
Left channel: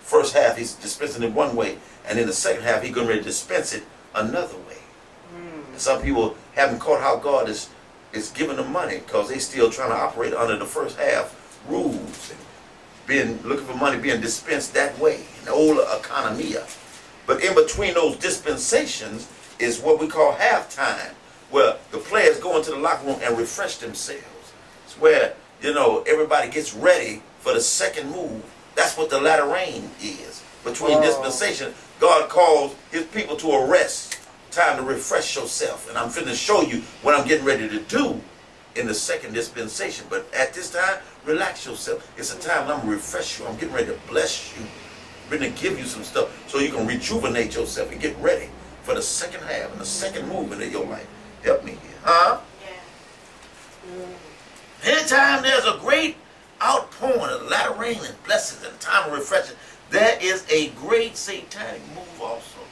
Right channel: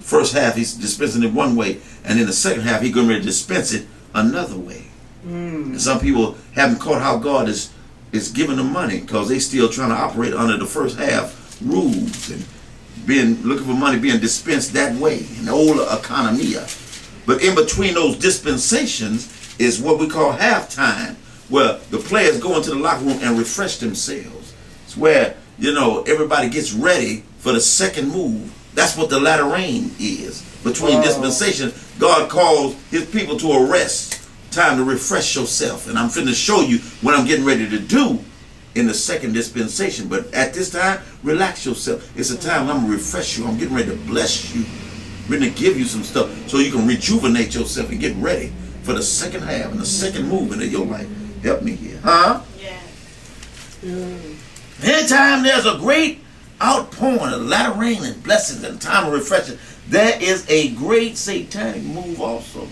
First half he's dispensing it one way, and in the second half he's going to dispense it another way. And some people haven't caught how God is giving them money, because they still trying to operate under the first half rules and looking for money being dispensed that way, in the old economia. But in between those dispensations is what we call halftime, where the players go into the locker room and refresh themselves. It's where, everybody gets ready for the second move. That's what the latter rain is. Between dispensation, God calls his people to a rest. Time to refresh yourself. And I'm finna show you what I'm getting ready to do in the second dispensation. But at this time, relax yourself. It's a time I'm going to refresh you. I'm getting ready to bless you. I'm going to give you some stuff so you can rejuvenate yourself and get ready for the second half and the second movement of your life. Help me here. Huh? Yeah. Anytime there's a great outpouring of latter rain and blessings and time of refreshing, there is a great satanic move also.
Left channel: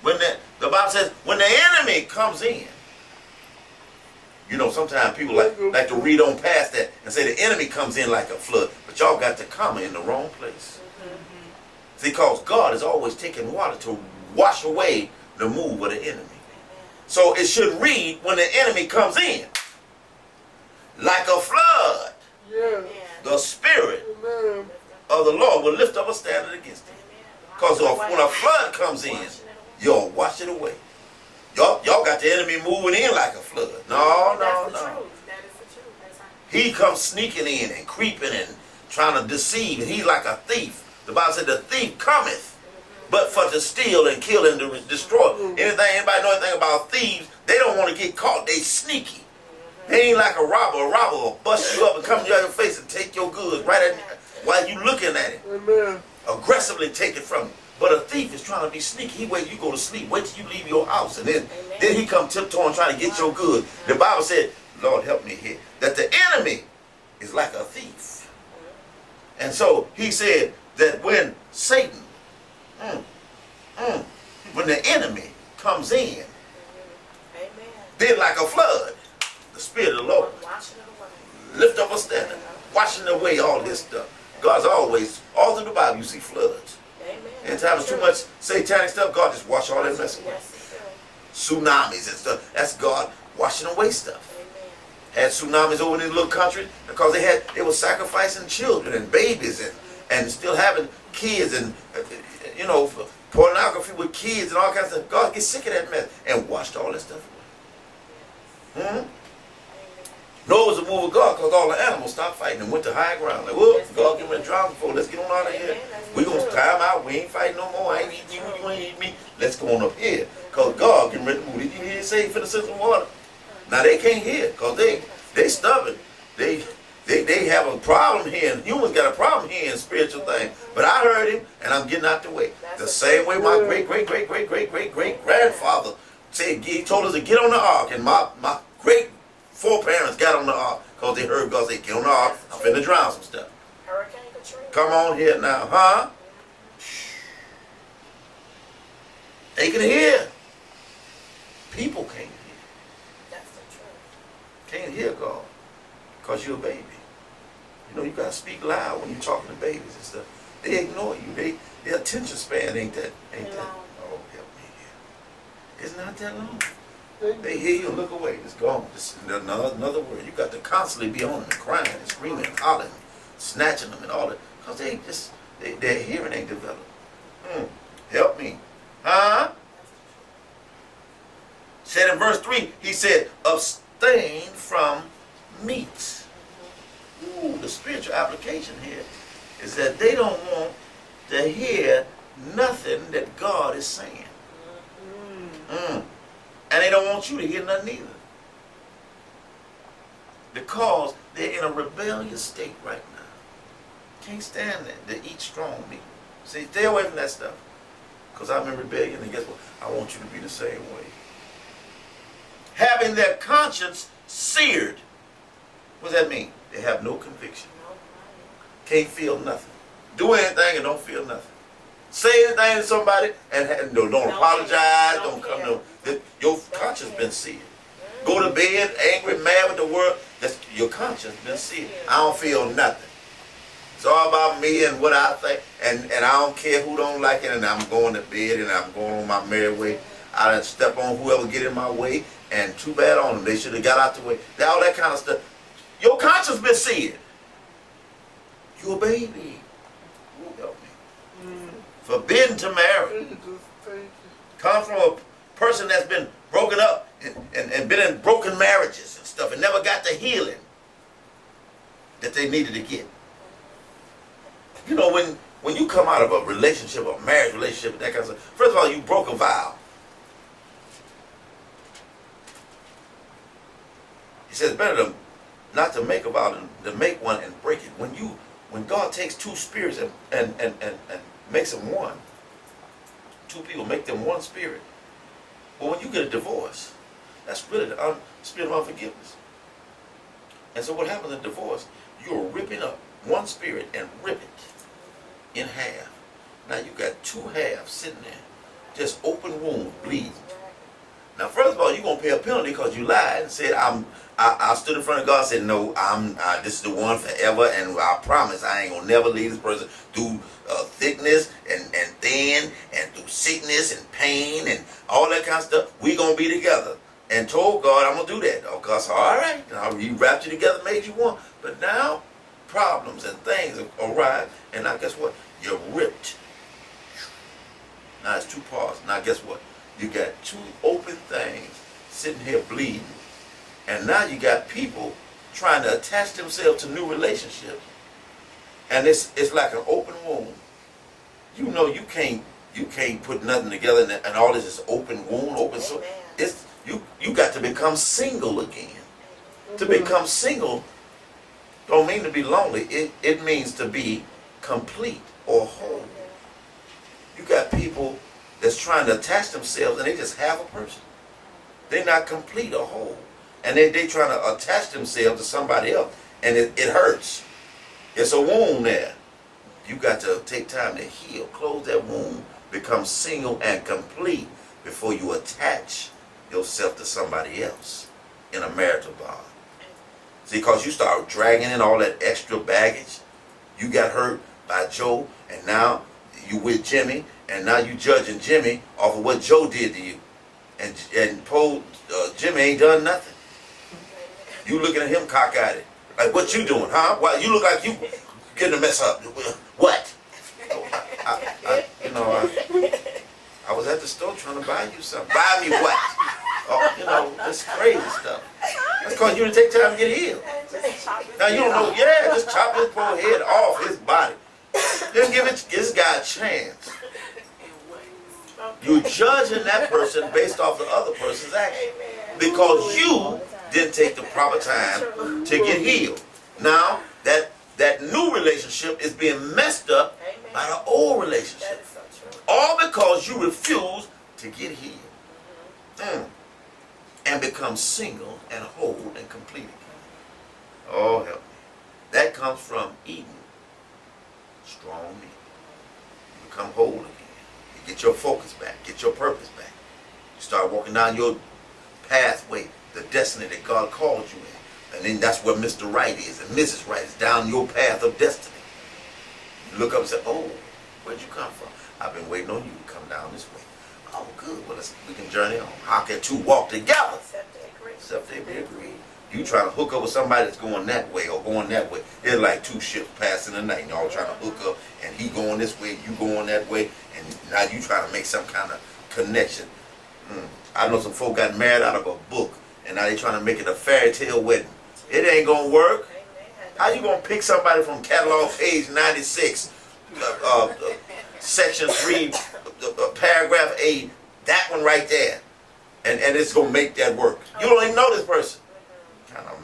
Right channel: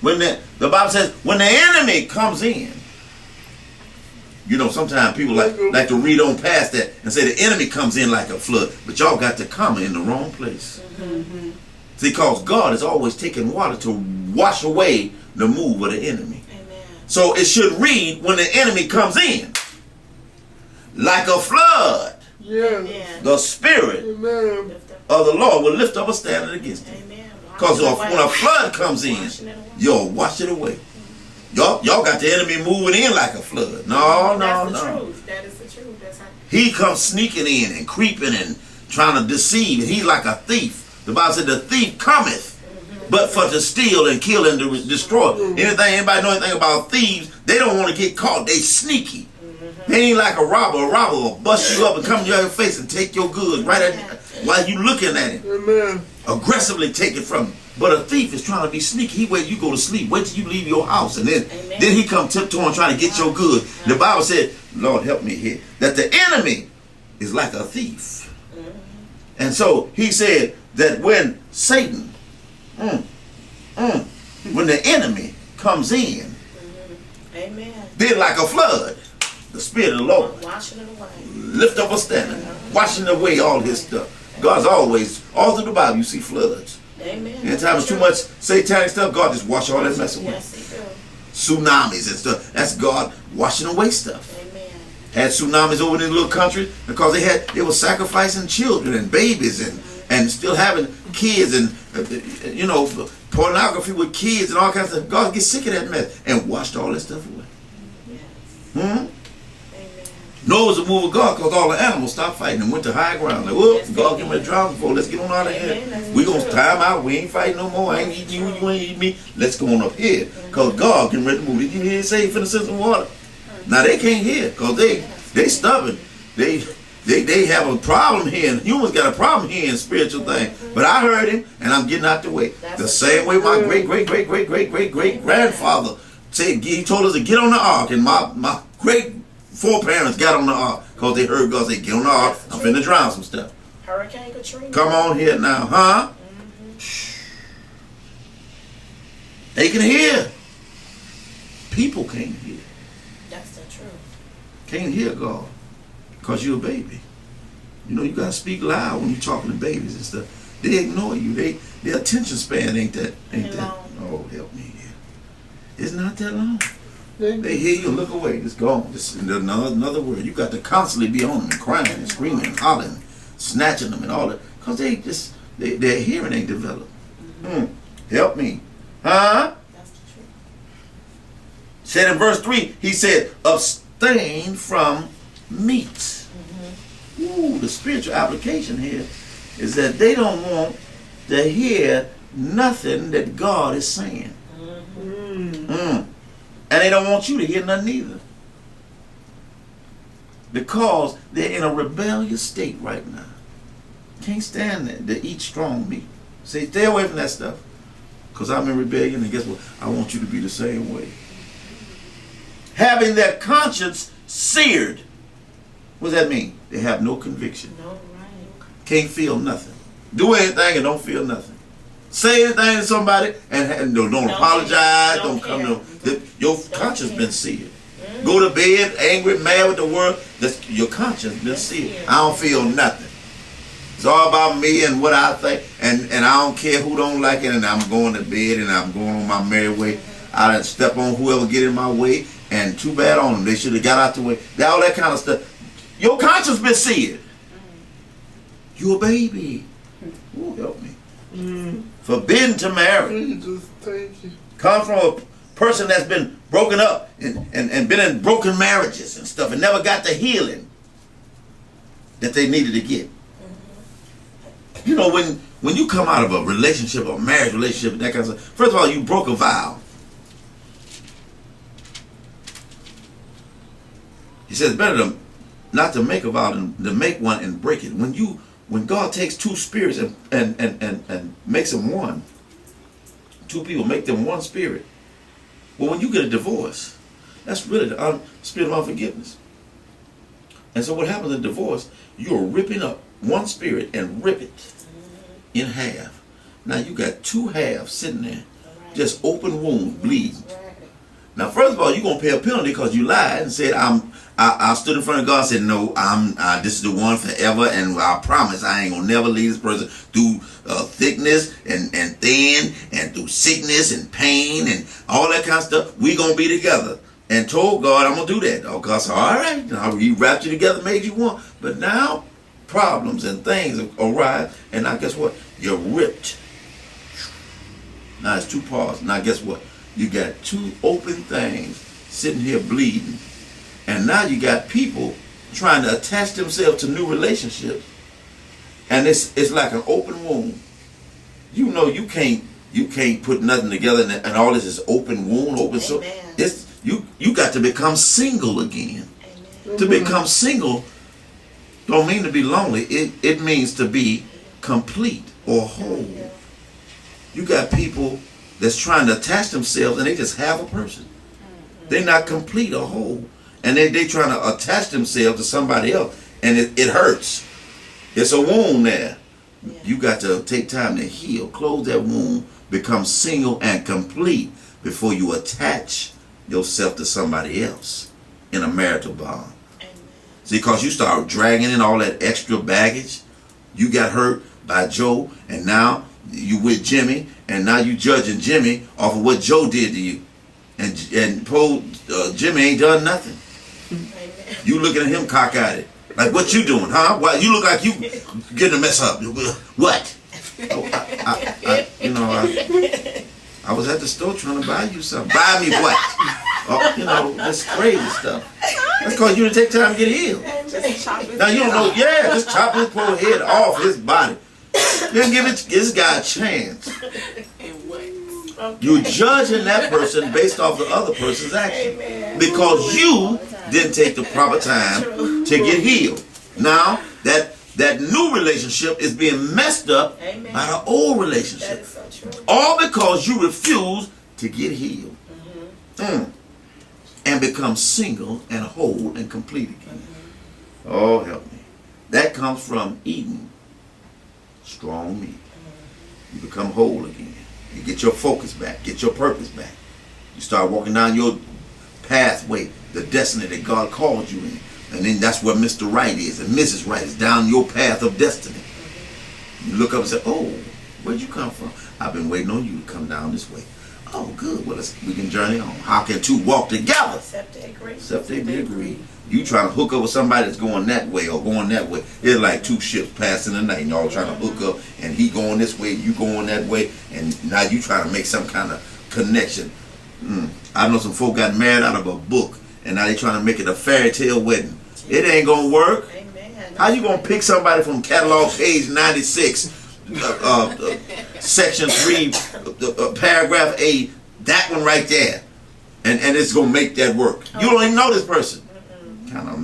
When the Bible says, when the enemy comes in, you know, sometimes people like to read on past that and say the enemy comes in like a flood, but y'all got the comma in the wrong place. Mm-hmm. See, because God is always taking water to wash away the move of the enemy. Amen. So it should read, when the enemy comes in, like a flood, Yeah. Amen. the Spirit Amen. of the Lord will lift up a standard against it. Amen. Because when a flood comes in, you'll wash it away. Y'all got the enemy moving in like a flood. No. That's the truth. That is the truth. That's how. He comes sneaking in and creeping and trying to deceive. And he's like a thief. The Bible said the thief cometh, but for to steal and kill and to destroy. Anybody know anything about thieves? They don't want to get caught. They sneaky. They ain't like a robber. A robber will bust you up and come in your face and take your goods right at while you looking at him. Amen. Aggressively take it from you. But a thief is trying to be sneaky. He wait you go to sleep. Wait till you leave your house. And then he come tiptoeing trying to get your goods. The Bible said, Lord help me here, that the enemy is like a thief. And so he said that when Satan, when the enemy comes in, Amen. then like a flood, the Spirit of the Lord Washing it away. lift up a standard, washing away all his stuff. God's always, all through the Bible, you see floods. Amen. Anytime there's too much satanic stuff, God just wash all that mess away. Yes, he Tsunamis and stuff, that's God washing away stuff. will. Amen. Had tsunamis over in these little countries because they were sacrificing children and babies and still having kids and you know, pornography with kids and all kinds of stuff. God gets sick of that mess and washed all that stuff away. Amen. Noah was a move of God because all the animals stopped fighting and went to high ground. Like, whoop, God give me a drown before. Let's get on out of here. We gonna time out. We ain't fighting no more. I ain't eating you. You ain't eating me. Let's go on up here because God getting ready to move. Did you hear him say he finna send some water? Now they can't hear because they stubborn. They have a problem here, and humans got a problem here in spiritual things. But I heard him, and I'm getting out the way. The same way my great grandfather said, he told us to get on the ark, and my great foreparents got on the ark because they heard God say, get on the ark. I'm finna drown some stuff. Hurricane Katrina. Come on here now, huh? They can hear. People can't hear. That's the truth. Can't hear God because you're a baby. You know, you got to speak loud when you're talking to babies and stuff. They ignore you. Their attention span ain't that. Oh, help me here. It's not that long. They hear you and look away. It's gone. It's another word. You got to constantly be on them and crying and screaming and hollering, snatching them and all that. Because their hearing ain't developed. Help me. Huh? That's the truth. Said in verse 3, he said, abstain from meats. Ooh, the spiritual application here is that they don't want to hear nothing that God is saying. And they don't want you to hear nothing either. Because they're in a rebellious state right now. Can't stand that, to eat strong meat. Say, stay away from that stuff. Because I'm in rebellion, and guess what? I want you to be the same way. Having their conscience seared. What does that mean? They have no conviction. No, right. Can't feel nothing. Do anything and don't feel nothing. Say anything to somebody and don't apologize. Don't come to your conscience been seared. Go to bed angry, mad with the world. That's your conscience been seared. I don't feel nothing. It's all about me and what I think, and I don't care who don't like it. And I'm going to bed and I'm going on my merry way. I done step on whoever get in my way, and too bad on them. They should have got out the way. All that kind of stuff. Your conscience been seared. You a baby. Ooh, help me. Forbidden to marry. Jesus, thank you. Come from a person that's been broken up and been in broken marriages and stuff and never got the healing that they needed to get. You know, when you come out of a relationship, a marriage relationship, that kind of stuff, first of all, you broke a vow. He says, better not to make a vow than to make one and break it. When God takes two spirits and makes them one, two people, make them one spirit. Well, when you get a divorce, that's really the spirit of unforgiveness. And so what happens in divorce, you're ripping up one spirit and rip it in half. Now you got two halves sitting there, just open wounds, bleeding. Now, first of all, you're gonna pay a penalty because you lied and said, I stood in front of God and said, no, this is the one forever, and I promise I ain't gonna never leave this person through thickness and thin, and through sickness and pain and all that kind of stuff. We gonna be together. And told God, I'm gonna do that. Oh, God said, all right, He wrapped you together, made you one. But now problems and things arise, and now guess what? You're ripped. Now it's two parts. Now guess what? You got two open things sitting here bleeding. And now you got people trying to attach themselves to new relationships. And it's like an open wound. You know you can't put nothing together, and all this is open wound, open. So it's you got to become single again. To become single don't mean to be lonely. It means to be complete or whole. You got people that's trying to attach themselves, and they just have a person. They're not complete or whole. And they trying to attach themselves to somebody else, and it hurts. It's a wound there. You got to take time to heal, close that wound, become single and complete before you attach yourself to somebody else in a marital bond. See, because you start dragging in all that extra baggage. You got hurt by Joe, and now you with Jimmy, and now you judging Jimmy off of what Joe did to you. And poor Jimmy ain't done nothing. You looking at him cockeyed. Like, what you doing, huh? Why you look like you getting a mess up? What? I was at the store trying to buy you something. Buy me what? Oh, that's crazy stuff. That's because you didn't take time to get healed. Now you don't know. Yeah, just chop his poor head off his body. Then give this guy a chance. You're judging that person based off the other person's action because you didn't take the proper time to get healed. Now that new relationship is being messed up by the old relationship, all because you refuse to get healed and become single and whole and complete again. Oh, help me. That comes from eating strong meat. You become whole again. You get your focus back, get your purpose back. You start walking down your pathway, the destiny that God called you in. And then that's where Mr. Right is and Mrs. Right is, down your path of destiny. You look up and say, oh, where'd you come from? I've been waiting on you to come down this way. Oh, good. Well, we can journey on. How can two walk together? Except they agree. You trying to hook up with somebody that's going that way or going that way. It's like two ships passing the night, and y'all trying to hook up, and he going this way, you going that way, and now you trying to make some kind of connection. I know some folk got married out of a book, and now they trying to make it a fairy tale wedding. It ain't gonna work. How you gonna pick somebody from catalog page 96, section 3, paragraph 8, that one right there, and it's gonna make that work? You don't even know this person. Kind of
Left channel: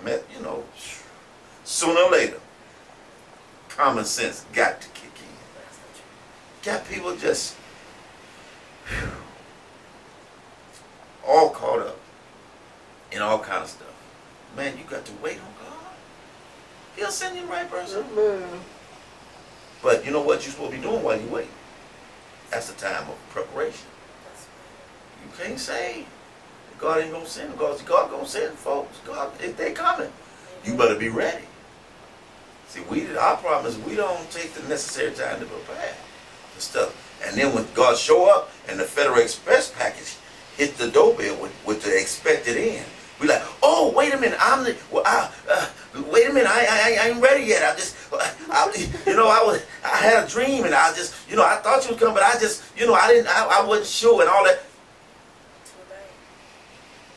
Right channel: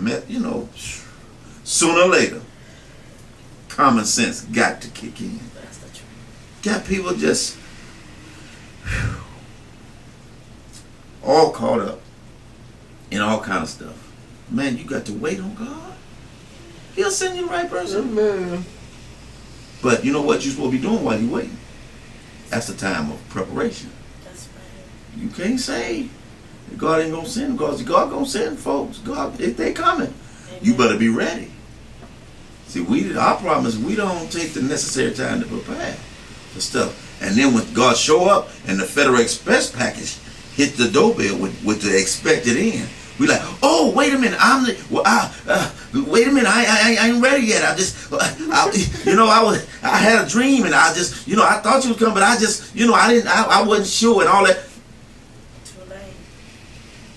sooner or later, common sense got to kick in. Got people just all caught up in all kind of stuff. Man, you got to wait on God. He'll send you the right person. Man. But you know what you're supposed to be doing while you're waiting? That's the time of preparation. You can't say God ain't gonna send them, because God gonna send folks. God, if they coming, you better be ready. See, our problem is we don't take the necessary time to prepare for stuff. And then when God show up and the Federal Express package hit the doorbell with the expected end, we like, oh, wait a minute, wait a minute, I ain't ready yet. I had a dream, and I thought you was coming, but I wasn't sure and all that.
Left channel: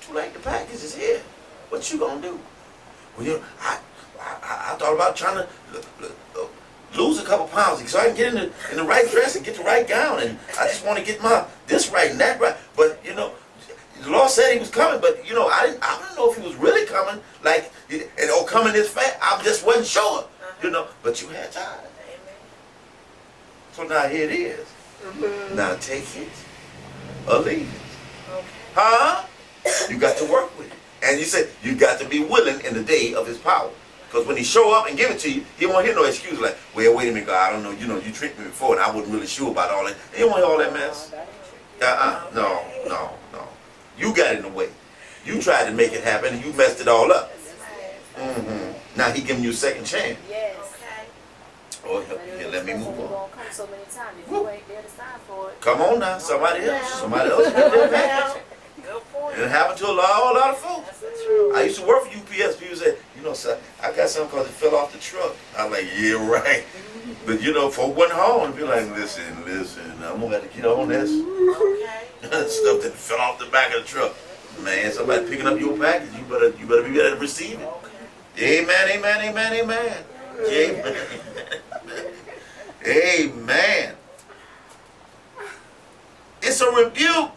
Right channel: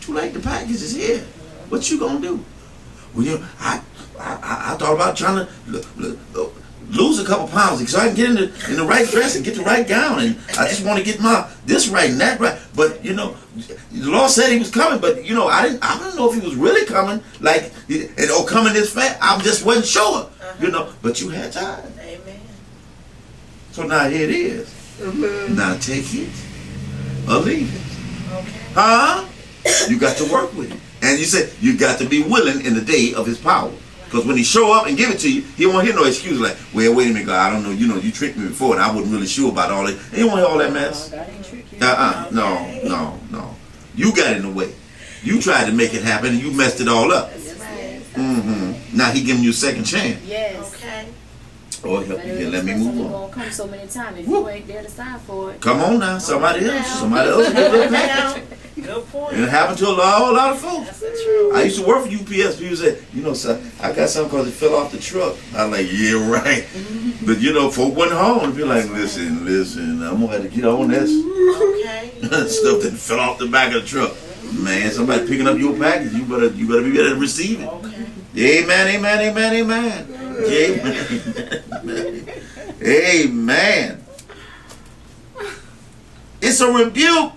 Too late, the package is here. What you gonna do? Well, I thought about trying to lose a couple pounds so I can get in the right dress and get the right gown, and I just want to get this right and that right. But the Lord said He was coming, but I didn't know if He was really coming, or coming this fast. I just wasn't sure, But you had time. Amen. So now here it is. Amen. Now take it or leave it. Okay. Huh? You got to work with it. And you said you got to be willing in the day of his power. Because when he show up and give it to you, he won't hear no excuse like, well, wait a minute, God, I don't know, you tricked me before and I wasn't really sure about all that. He don't want to hear all that mess. No. You got in the way. You tried to make it happen and you messed it all up. Now he giving you a second chance. Yes. Okay. Oh, help me here. Let me move on. Won't come so many times if Woo. you ain't there to sign for it. Come on now. Somebody else will get their package. Good point. And it happened to a whole lot of folks. That's the truth. I used to work for UPS. People said, sir, I got something because it fell off the truck. I'm like, yeah, right. But, folk went home and be like, listen, I'm going to have to get on this. Okay. Stuff that fell off the back of the truck. Man, somebody picking up your package. You better be ready to receive it. Okay. Amen. Amen. It's a rebuke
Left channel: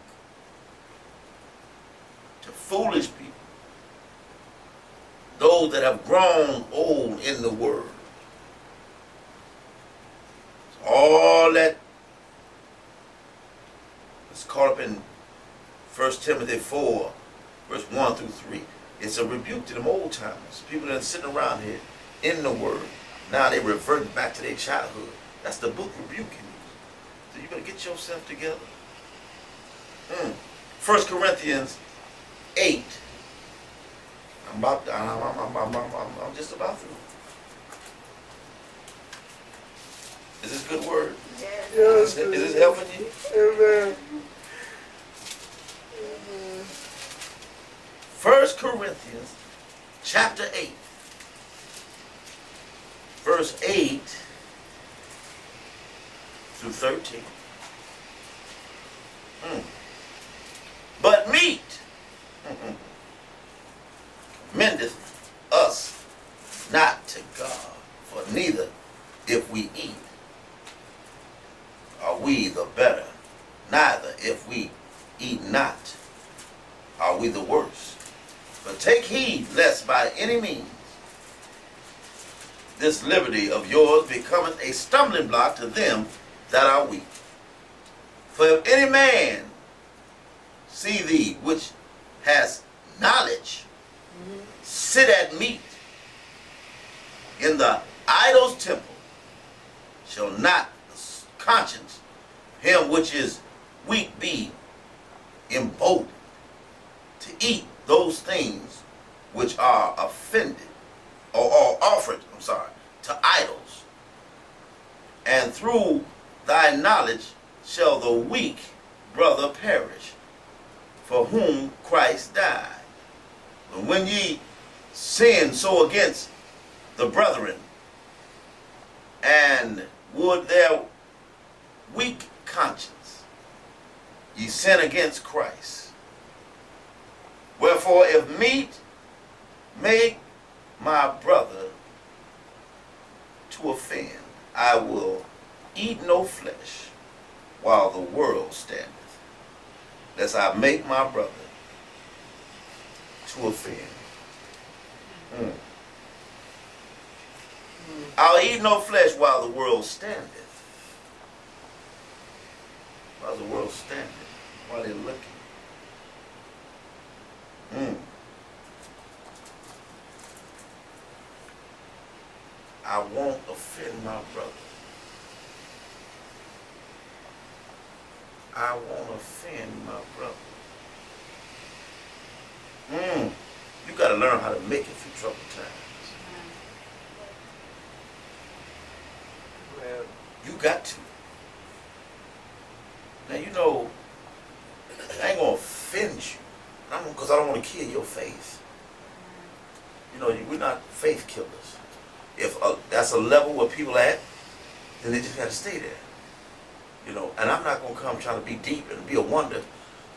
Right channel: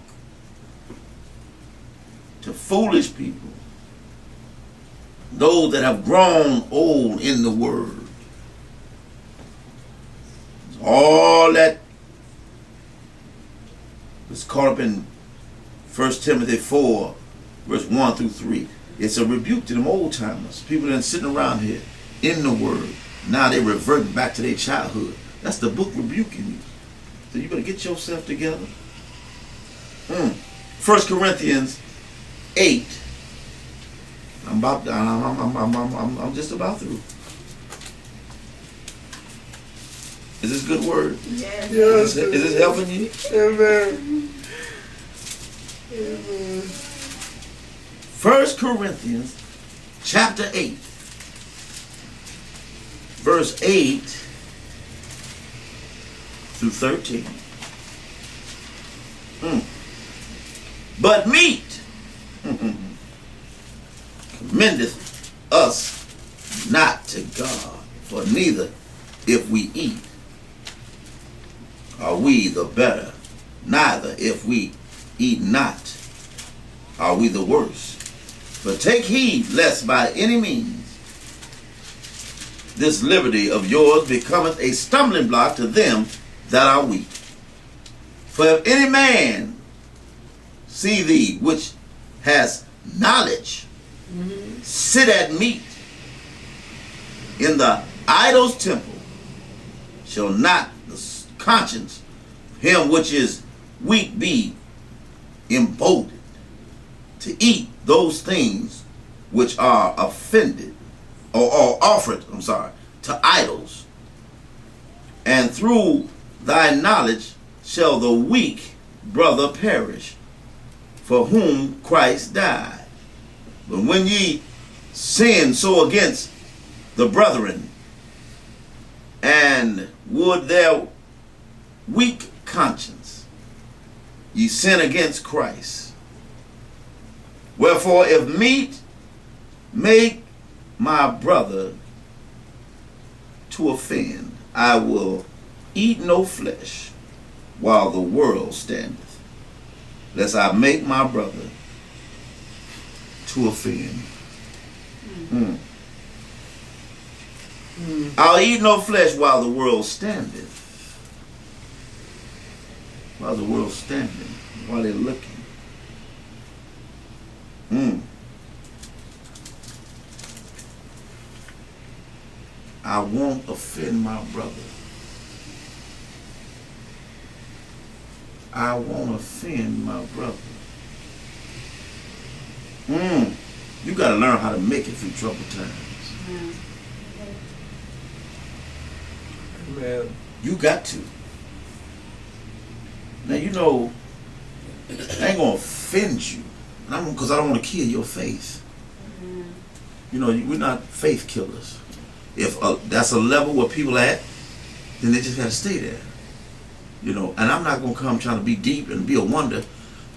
to foolish people, those that have grown old in the word. All that was caught up in 1 Timothy 4, verse 1 through 3. It's a rebuke to them old timers, people that are sitting around here in the word. Now they revert back to their childhood. That's the book rebuking you. So you better get yourself together. 1 Corinthians 8. I'm just about through. Is this good word? Yes. Is this helping you? Amen. 1 Corinthians chapter 8, verse 8 through 13. But meat commendeth us not to God, for neither if we eat are we the better, neither if we eat not are we the worse. But take heed lest by any means this liberty of yours becometh a stumbling block to them that are weak. For if any man see thee which has knowledge sit at meat in the idol's temple, shall not the conscience of him which is weak be emboldened to eat those things which are offended or offered, to idols? And through thy knowledge shall the weak brother perish, for whom Christ died. But when ye sin so against the brethren, and would their weak conscience, ye sin against Christ. Wherefore, if meat make my brother to offend, I will eat no flesh while the world standeth, lest I make my brother to offend. I'll eat no flesh while the world standeth. While the world standing, while they're looking. I won't offend my brother. I won't offend my brother. You got to learn how to make it through troubled times. Amen. You got to. Now, I ain't going to offend you because I don't want to kill your faith. We're not faith killers. If that's a level where people at, then they just got to stay there. And I'm not going to come trying to be deep and be a wonder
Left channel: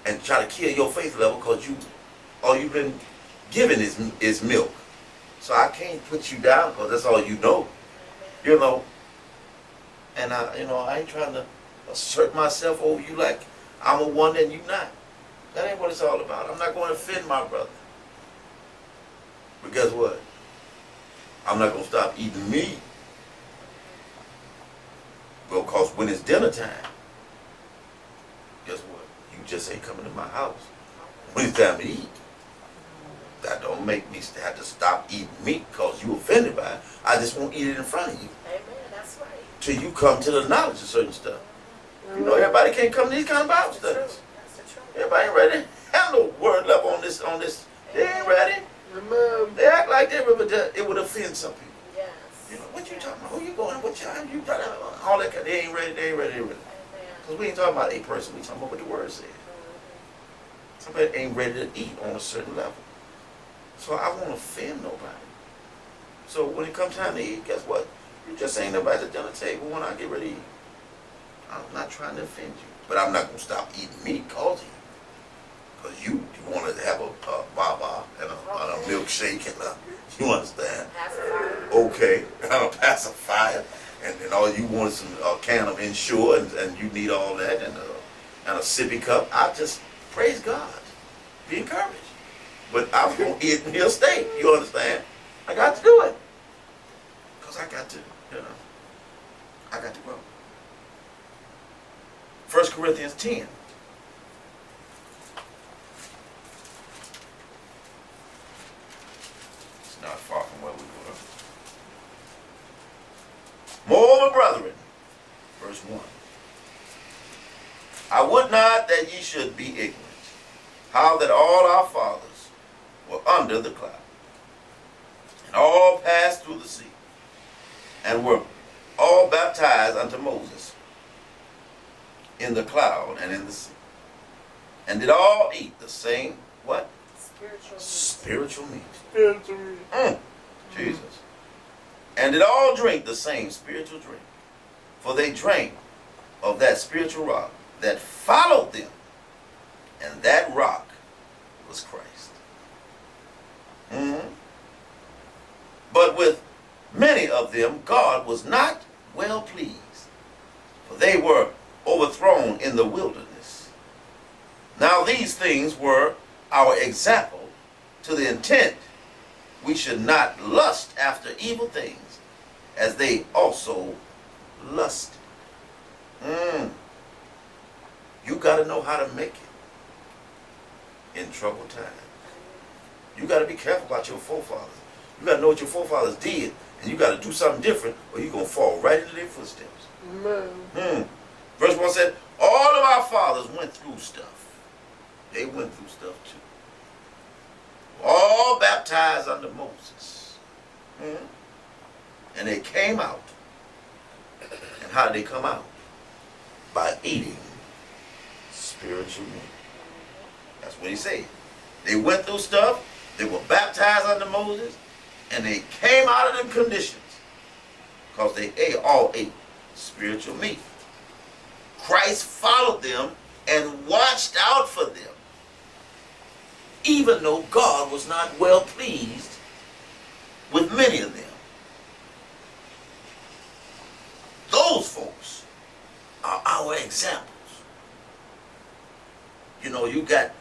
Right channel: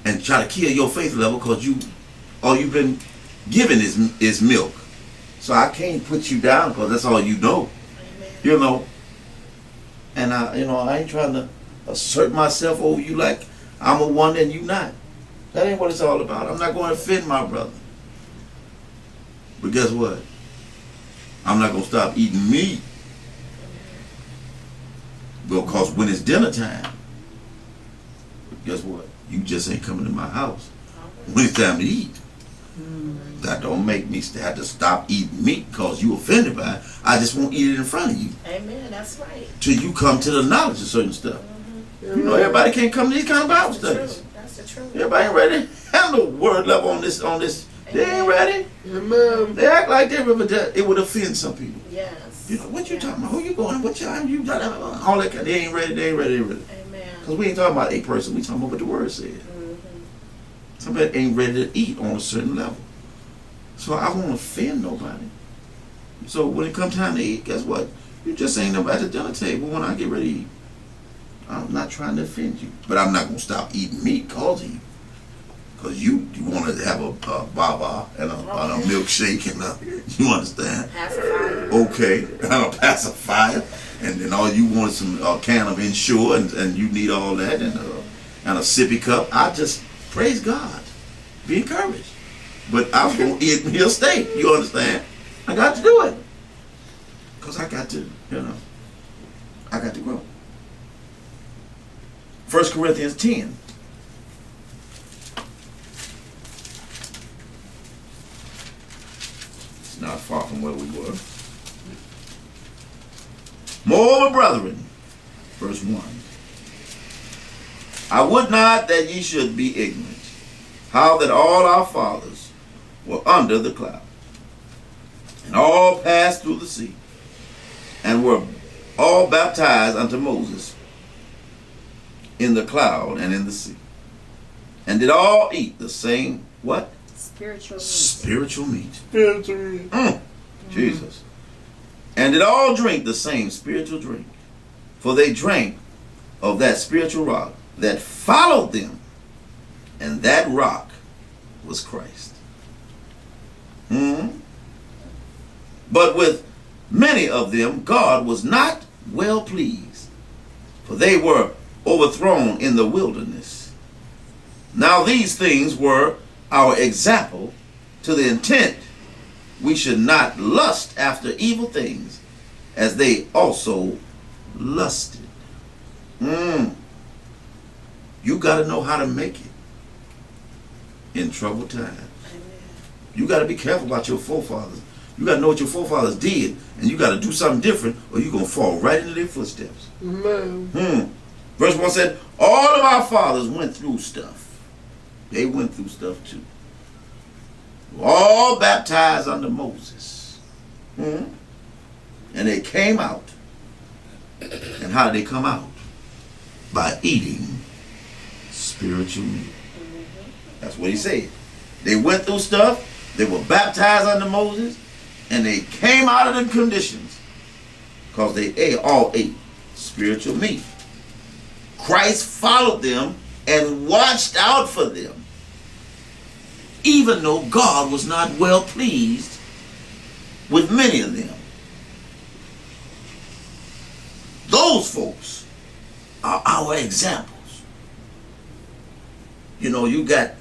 and try to kill your faith level because all you've been given is milk. So I can't put you down because that's all you know. And I ain't trying to assert myself over you like I'm a wonder and you not. That ain't what it's all about. I'm not going to offend my brother. But guess what? I'm not going to stop eating meat. Because when it's dinner time, guess what? You just ain't coming to my house when it's time to eat. That don't make me have to stop eating meat because you offended by it. I just won't eat it in front of you Amen. That's right. till you come to the knowledge of certain stuff. You know, everybody can't come to these kind of Bible That's the studies. truth. That's the truth. Everybody ain't ready to handle word level on this. They ain't ready. Amen. They act like they but it would offend some people. Yes. You know, what you talking about? Who you going? What you all that kind. They ain't ready. They ain't ready. Amen. Because we ain't talking about a person. We talking about what the word said. Somebody ain't ready to eat on a certain level. So I won't offend nobody. So when it comes time to eat, guess what? You just ain't nobody at the dinner table when I get ready to eat. I'm not trying to offend you. But I'm not going to stop eating meat because of you. Because you want to have a baba and a milkshake and you understand? Pacifier. Okay, and a pacifier. And then all you want is some can of Ensure and you need all that and a sippy cup. I just praise God. Be encouraged. But I'm going to eat me a steak. You understand? I got to do it. Because I got to, I got to grow. 1 Corinthians 10. It's not far from where we were. Moreover, brethren, verse 1. I would not that ye should be ignorant, how that all our fathers were under the cloud, and all passed through the sea, and were all baptized unto Moses in the cloud and in the sea, and did all eat the same, what? Spiritual. Spiritual meat. Spiritually. Jesus. And did all drink the same spiritual drink, for they drank of that spiritual rock that followed them, and that rock was Christ. But with many of them God was not well pleased, for they were overthrown in the wilderness. Now these things were our example, to the intent we should not lust after evil things, as they also lusted. You got to know how to make it in troubled times. You got to be careful about your forefathers. You got to know what your forefathers did, and you got to do something different, or you're going to fall right into their footsteps. Amen. Verse 1 said, all of our fathers went through stuff. They went through stuff too. All baptized under Moses. And they came out. And how did they come out? By eating spiritual meat. That's what he said. They went through stuff. They were baptized under Moses. And they came out of the conditions because they all ate spiritual meat. Christ followed them and watched out for them, even though God was not well pleased with many of them. Those folks are our examples. You know, you got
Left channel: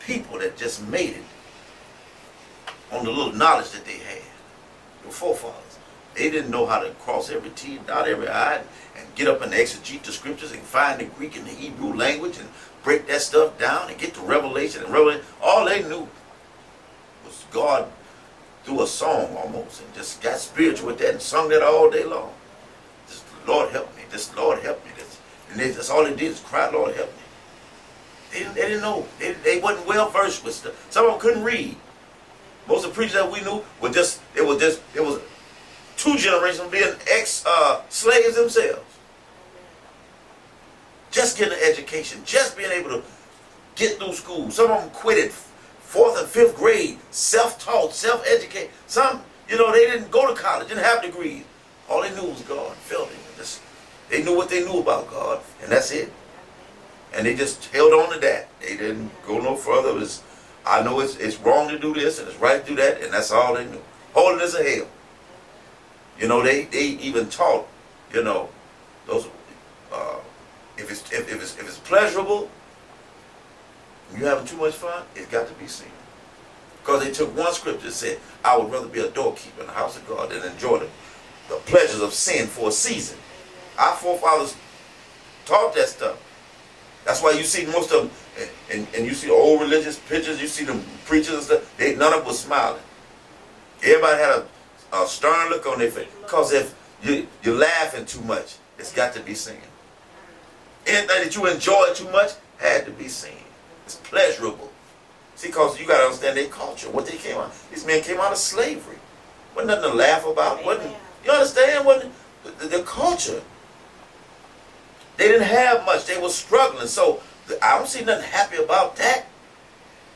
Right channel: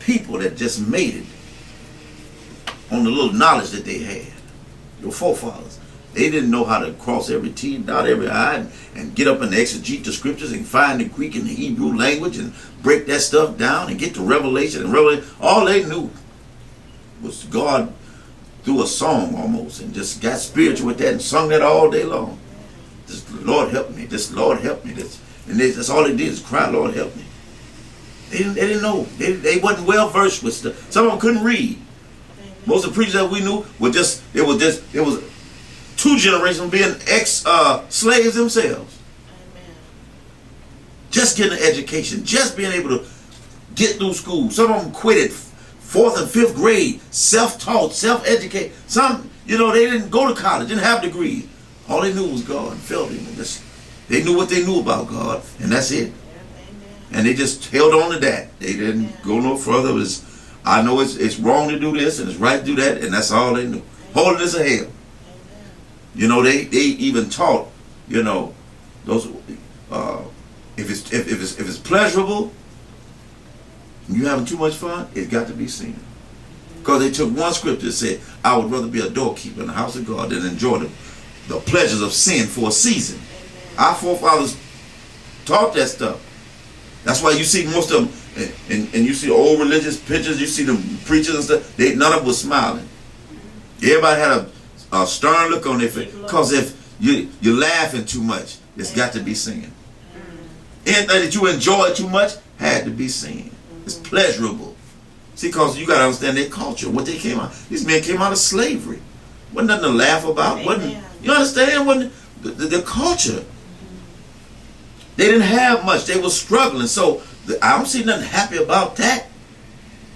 people that just made it on the little knowledge that they had. Your forefathers. They didn't know how to cross every T, dot every I, and get up and exegete the scriptures and find the Greek and the Hebrew language and break that stuff down and get to Revelation and Revelation. All they knew was God through a song almost, and just got spiritual with that and sung that all day long. Just, Lord help me. Just, Lord help me. That's all they did is cry, Lord help me. They didn't know. They wasn't well versed with stuff. Some of them couldn't read. Most of the preachers that we knew were it was 2 generations being ex-slaves themselves. Just getting an education, just being able to get through school. Some of them quit at 4th and 5th grade, self-taught, self-educated. Some, they didn't go to college, didn't have degrees. All they knew was God and felt Him. They knew what they knew about God, and that's it. And they just held on to that. They didn't go no further. I know it's wrong to do this and it's right to do that, and that's all they knew. Holiness of hell. They even taught, those if it's pleasurable, and you having too much fun, it's got to be seen. Because they took one scripture that said, I would rather be a doorkeeper in the house of God than enjoy the pleasures of sin for a season. Our forefathers taught that stuff. That's why you see most of them, and you see old religious pictures, you see them preachers and stuff, none of them was smiling. Everybody had a stern look on their face. Because if you're laughing too much, it's got to be seen. Anything that you enjoy too much had to be seen. It's pleasurable. See, because you got to understand their culture, what they came out. These men came out of slavery. Wasn't nothing to laugh about. Wasn't, you understand? Wasn't the culture. They didn't have much. They were struggling. So I don't see nothing happy about that.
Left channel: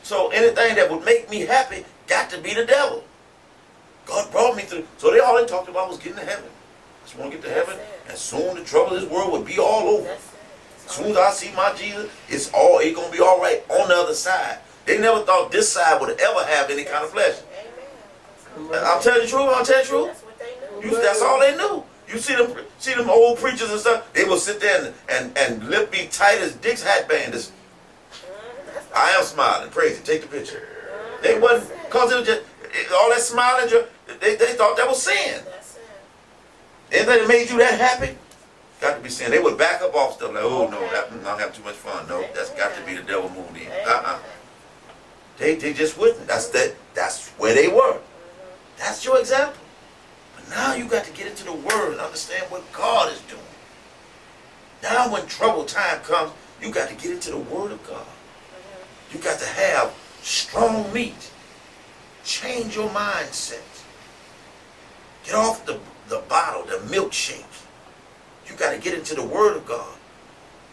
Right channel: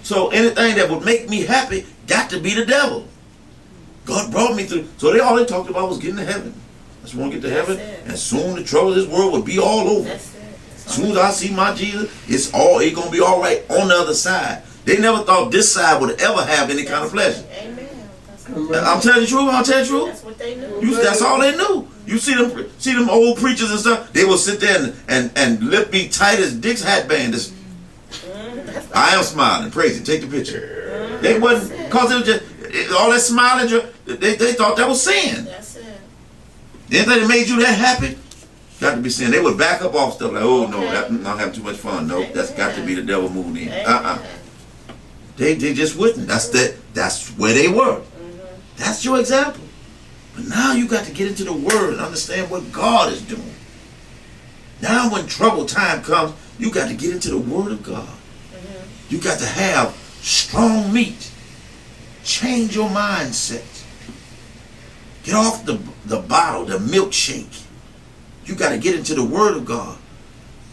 So anything that would make me happy got to be the devil. God brought me through. So all they talked about was getting to heaven. I just want to get to heaven, and soon the trouble of this world would be all over. As soon as I see my Jesus, it's going to be all right on the other side. They never thought this side would ever have any kind of pleasure. Amen. I'm telling you the truth. I'm telling you the truth. That's what they knew. That's all they knew. You see them old preachers and stuff. They will sit there and lip be tight as Dick's hat band. I am smiling. Praise it. Take the picture. They wasn't, because it was just all that smiling. They thought that was sin. That's it. Anything that made you that happy, got to be sin. They would back up off stuff like, oh no, I'm not having too much fun. No, that's got to be the devil moving in. They just wouldn't. That's where they were. That's your example. But now you got to get into the Word and understand what God is doing. Now when trouble time comes, you got to get into the Word of God. You got to have strong meat. Change your mindset. Get off the bottle, the milkshake. You got to get into the Word of God.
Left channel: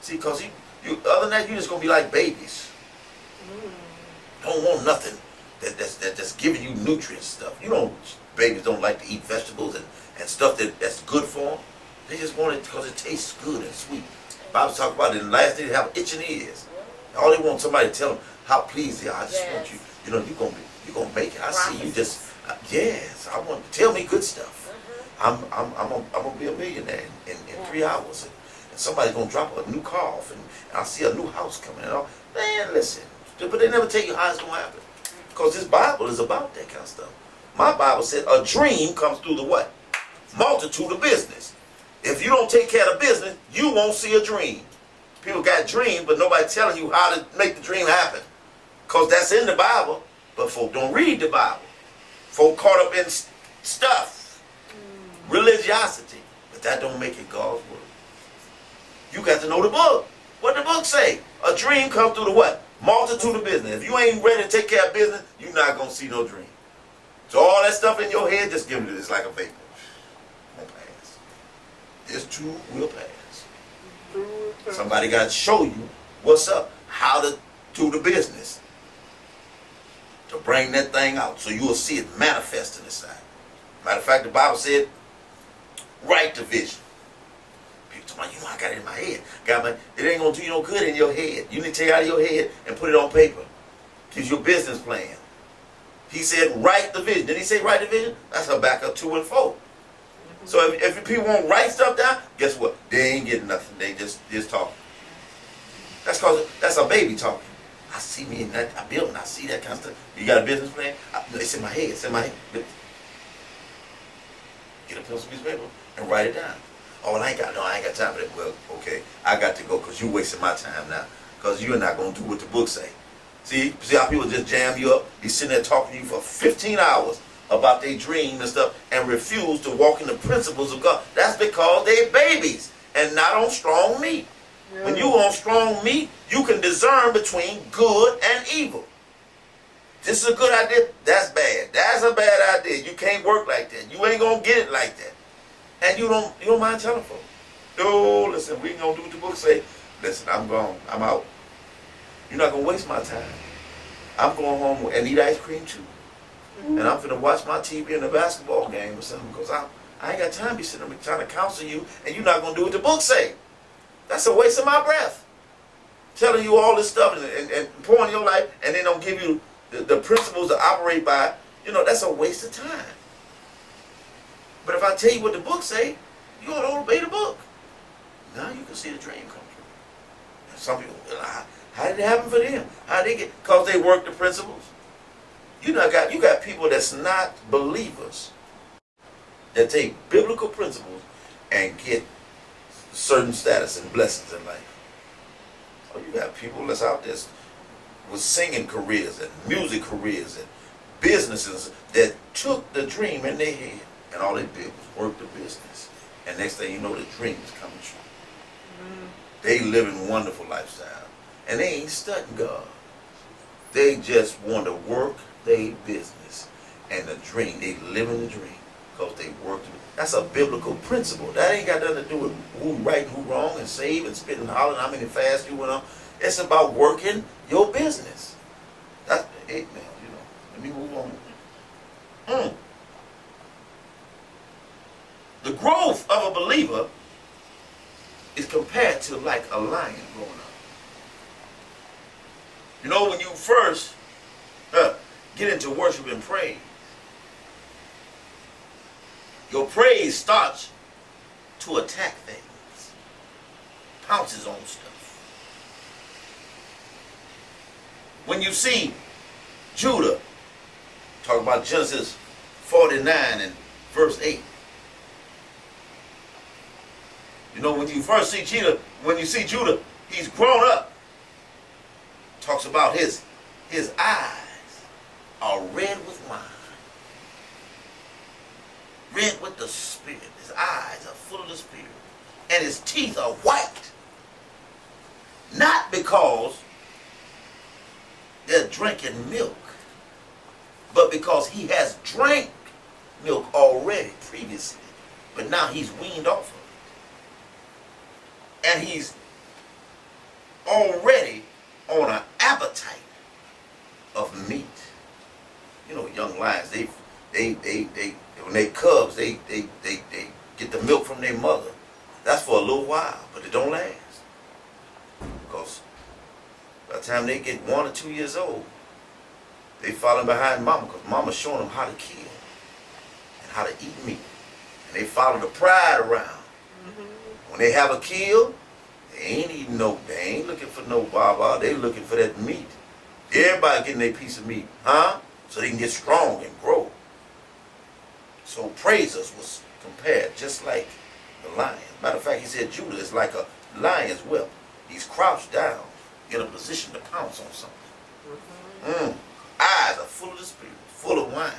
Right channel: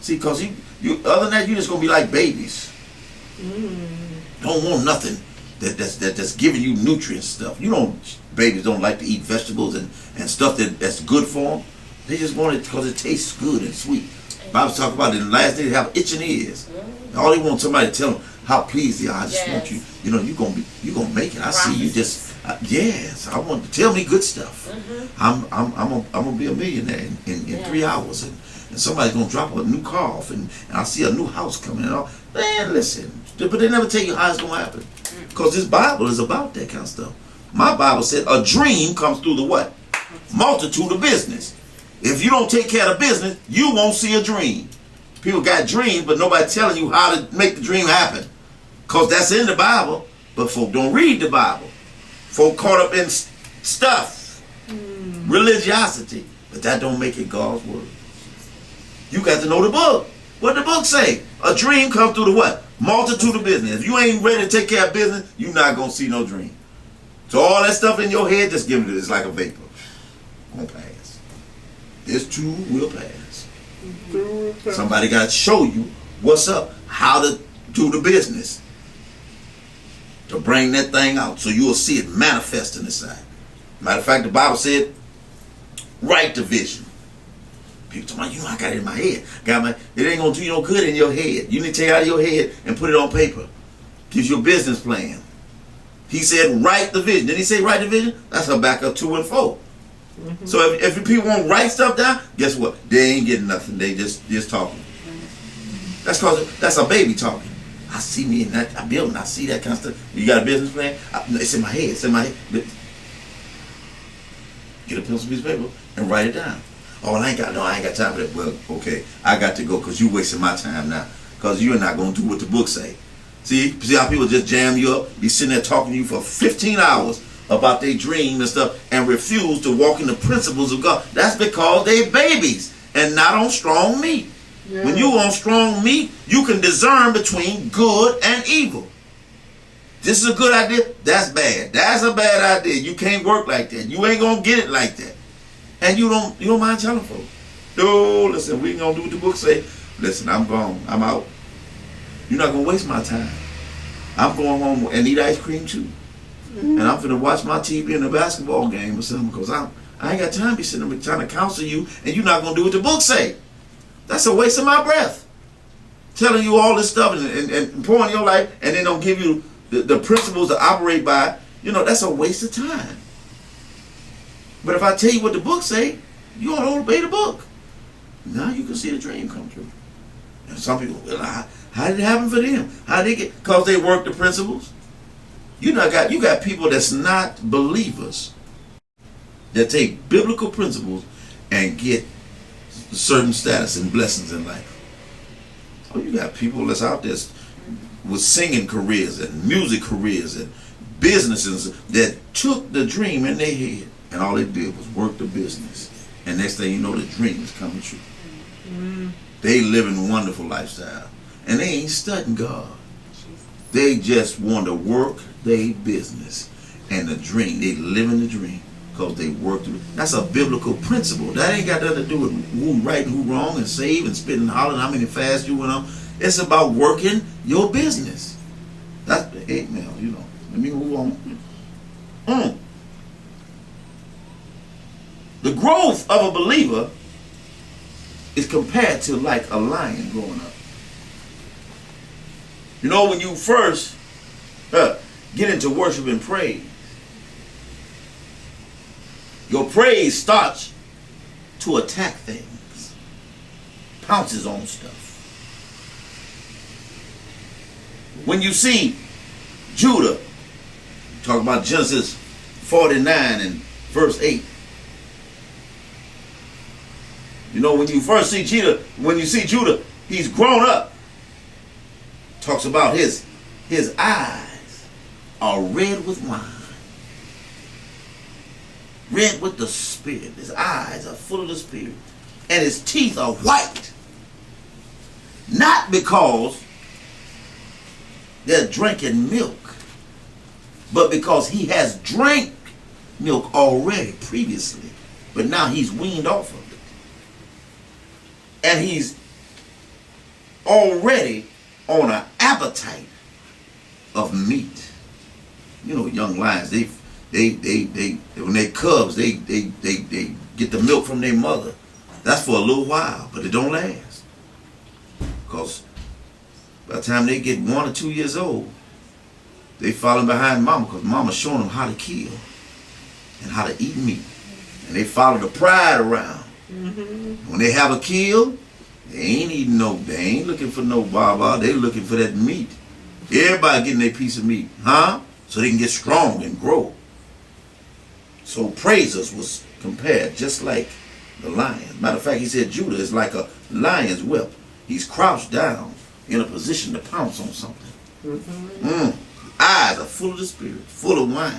See, because other than that, you're just going to be like babies. Don't want nothing that's giving you nutrient stuff. Babies don't like to eat vegetables and stuff that's good for them. They just want it because it tastes good and sweet. Bible's talking about it in the last day they have itching ears. All they want somebody to tell them how pleased they are. I just want you, you're gonna make it. I see you just, yes, I want to tell me good stuff. I'm gonna be a millionaire in 3 hours, and somebody's gonna drop a new car off, and I see a new house coming and all. Man, listen, but they never tell you how it's gonna happen, because this Bible is about that kind of stuff. My Bible said a dream comes through the what? Multitude of business. If you don't take care of the business, you won't see a dream. People got dreams, but nobody telling you how to make the dream happen. Because that's in the Bible, but folk don't read the Bible. Folk caught up in stuff, religiosity, but that don't make it God's word. You got to know the book. What the book say? A dream comes through the what? Multitude of business. If you ain't ready to take care of business, you're not going to see no dream. So all that stuff in your head, just give it. It's like a vapor. Won't pass. This too will pass. Somebody got to show you what's up, how to do the business, to bring that thing out, so you will see it manifest in the side. Matter of fact, the Bible said, write the vision. People talking about, I got it in my head. It ain't gonna do you no good in your head. You need to take it out of your head and put it on paper. Gives you a business plan. He said, write the vision. Didn't he say write the vision? That's Habakkuk 2 and 4. So if people won't write stuff down, guess what? They ain't getting nothing. They just talking. That's because that's a baby talking. I see me in that building. I see that kind of stuff. You got a business plan? It's in my head. It's in my head. Get a pencil, piece of paper, and write it down. Oh, I ain't got time for that. Well, okay, I got to go because you wasting my time now. Because you're not going to do what the book say. See how people just jam you up? Be sitting there talking to you for 15 hours about their dream and stuff and refuse to walk in the principles of God. That's because they babies and not on strong meat. Yeah. When you on strong meat, you can discern between good and evil. This is a good idea. That's bad. That's a bad idea. You can't work like that. You ain't gonna get it like that. And you don't mind telling folks. No, listen, we ain't gonna do what the book say. Listen, I'm gone. I'm out. You're not gonna waste my time. I'm going home and eat ice cream too. And I'm gonna watch my TV in a basketball game or something, because I ain't got time to be sitting there trying to counsel you, and you're not gonna do what the book say. That's a waste of my breath. Telling you all this stuff and pouring your life, and then don't give you the principles to operate by. That's a waste of time. But if I tell you what the book say, you ought to obey the book. Now you can see the dream come true. And some people, how did it happen for them? How did they get? Because they work the principles. You got people that's not believers that take biblical principles and get certain status and blessings in life. Oh, you got people that's out there with singing careers and music careers and businesses that took the dream in their head and all they did was work the business. And next thing you know, the dream is coming true. They living wonderful lifestyle. And they ain't studying God. They just want to work their business and the dream. They living the dream because they work through. That's a biblical principle. That ain't got nothing to do with who right and who wrong and save and spit and holler and how many fasts you went on. It's about working your business. That's the 8 mil, you know. Let me move on. The growth of a believer is compared to like a lion growing up. You know, when you first get into worship and praise, your praise starts to attack things, pounces on stuff. When you see Judah, talk about Genesis 49 and verse 8. You know, when you first see Judah, he's grown up. Talks about his eyes are red with wine. Red with the Spirit. His eyes are full of the Spirit. And his teeth are white. Not because they're drinking milk, but because he has drank milk already previously. But now he's weaned off of it. And he's already on an appetite of meat. You know, young lions, they when they cubs, they get the milk from their mother. That's for a little while, but it don't last. Because by the time they get 1 or 2 years old, they falling behind mama because mama's showing them how to kill and how to eat meat. And they follow the pride around. When they have a kill, they ain't eating they ain't looking for no baba, they looking for that meat. Everybody getting their piece of meat, so they can get strong and grow. So praisers was compared just like the lion. Matter of fact, he said Judah is like a lion's whelp. He's crouched down in a position to pounce on something. Eyes are full of the Spirit, full of wine.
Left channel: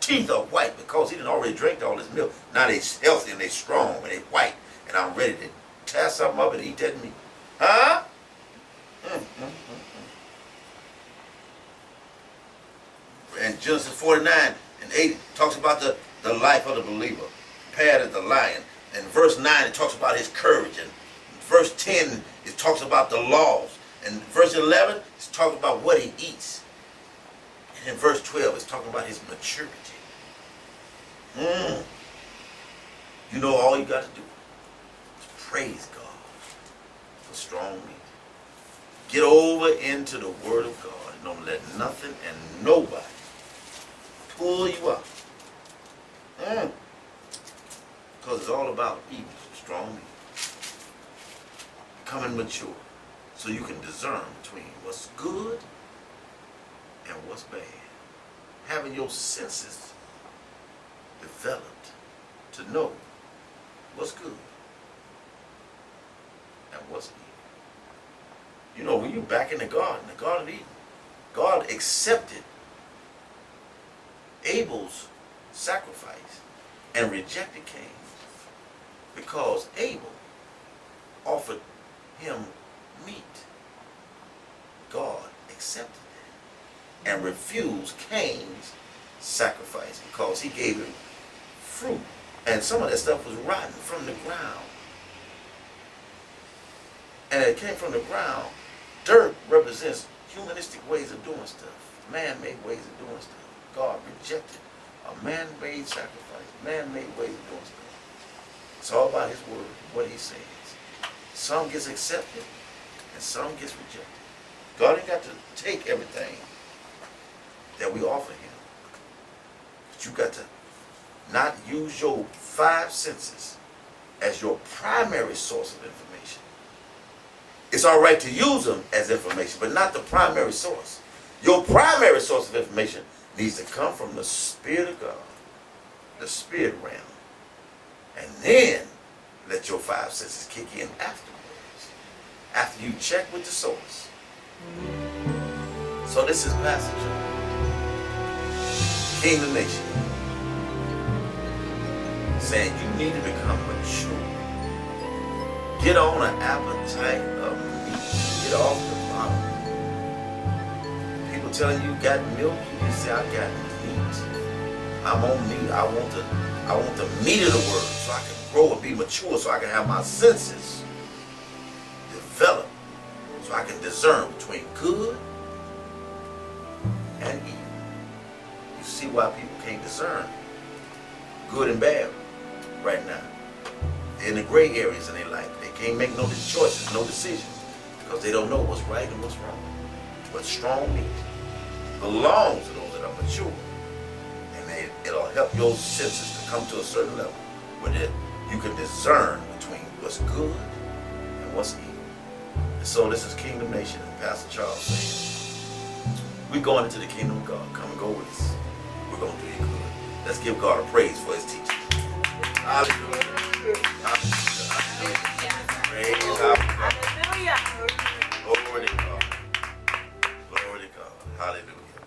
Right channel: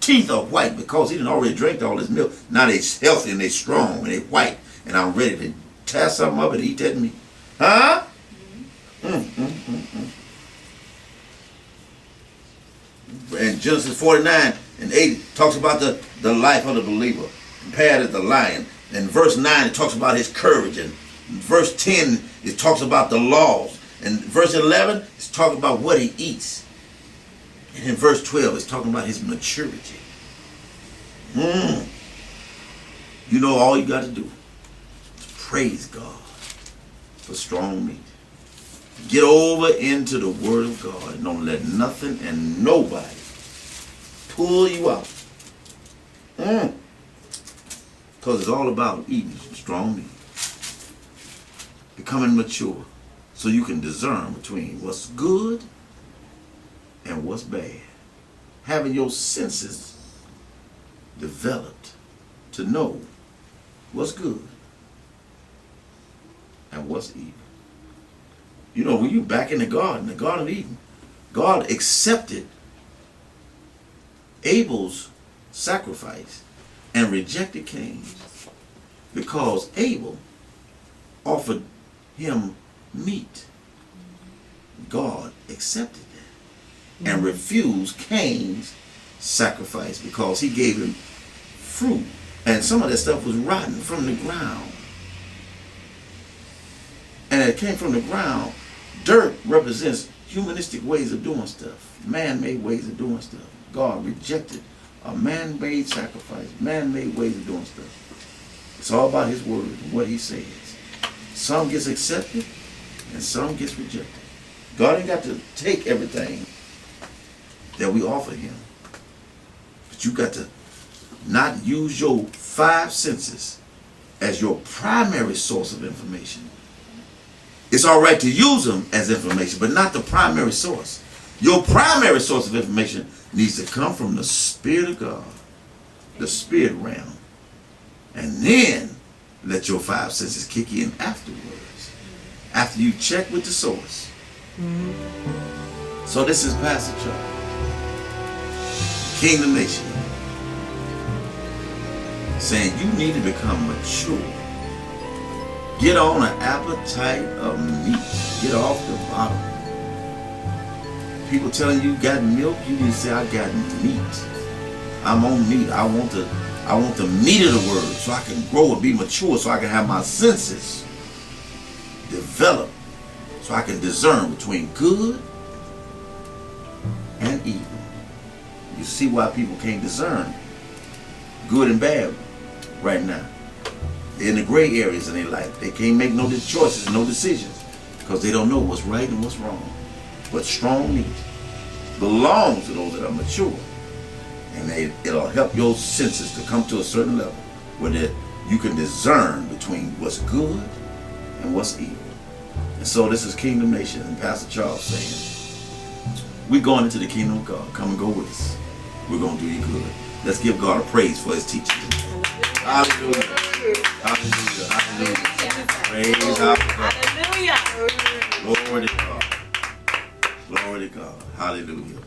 Teeth are white because he done already drank all this milk. Now they're healthy and they're strong and they're white. And I'm ready to tear something up and eat that meat. And Genesis 49 and 8 talks about the life of the believer compared to the lion. In verse 9 it talks about his courage. And in verse 10 it talks about the laws. And verse 11 it's talking about what he eats. And in verse 12 it's talking about his maturity. You know, all you got to do is praise God for strong meat. Get over into the Word of God and don't let nothing and nobody pull you out. Because it's all about eating strong meat. Becoming mature so you can discern between what's good and what's bad. Having your senses developed to know what's good and what's evil. You know, when you're back in the Garden of Eden, God accepted Abel's sacrifice and rejected Cain's because Abel offered him meat. God accepted that and refused Cain's sacrifice because he gave him fruit, and some of that stuff was rotten from the ground. And it came from the ground. Dirt represents humanistic ways of doing stuff, man-made ways of doing stuff. God rejected a man-made sacrifice, man-made ways of doing stuff. It's all about his word and what he says. Some gets accepted and some gets rejected. God ain't got to take everything that we offer him. But you got to not use your 5 senses as your primary source of information. It's all right to use them as information, but not the primary source. Your primary source of information needs to come from the Spirit of God, the spirit realm. And then let your 5 senses kick in afterwards. after you check with the source. So this is Pastor Chuck, Kingdom Nation, saying you need to become mature. Get on an appetite of meat. Get off the bottom. People telling you got milk, you need to say I got meat. I'm on meat. I want the meat of the word so I can grow and be mature, so I can have my senses develop, so I can discern between good and evil. You see why people can't discern good and bad right now. They're in the gray areas in their life. They can't make no choices, no decisions, because they don't know what's right and what's wrong. But strong meat belongs to those that are mature. And it'll help your senses to come to a certain level where you can discern between what's good and what's evil. And so this is Kingdom Nation and Pastor Charles saying, we're going into the kingdom of God. Come and go with us. We're going to do you good. Let's give God a praise for his teaching. Hallelujah. Hallelujah. Hallelujah. Praise our God. Hallelujah. Glory to God. Glory to God. Hallelujah.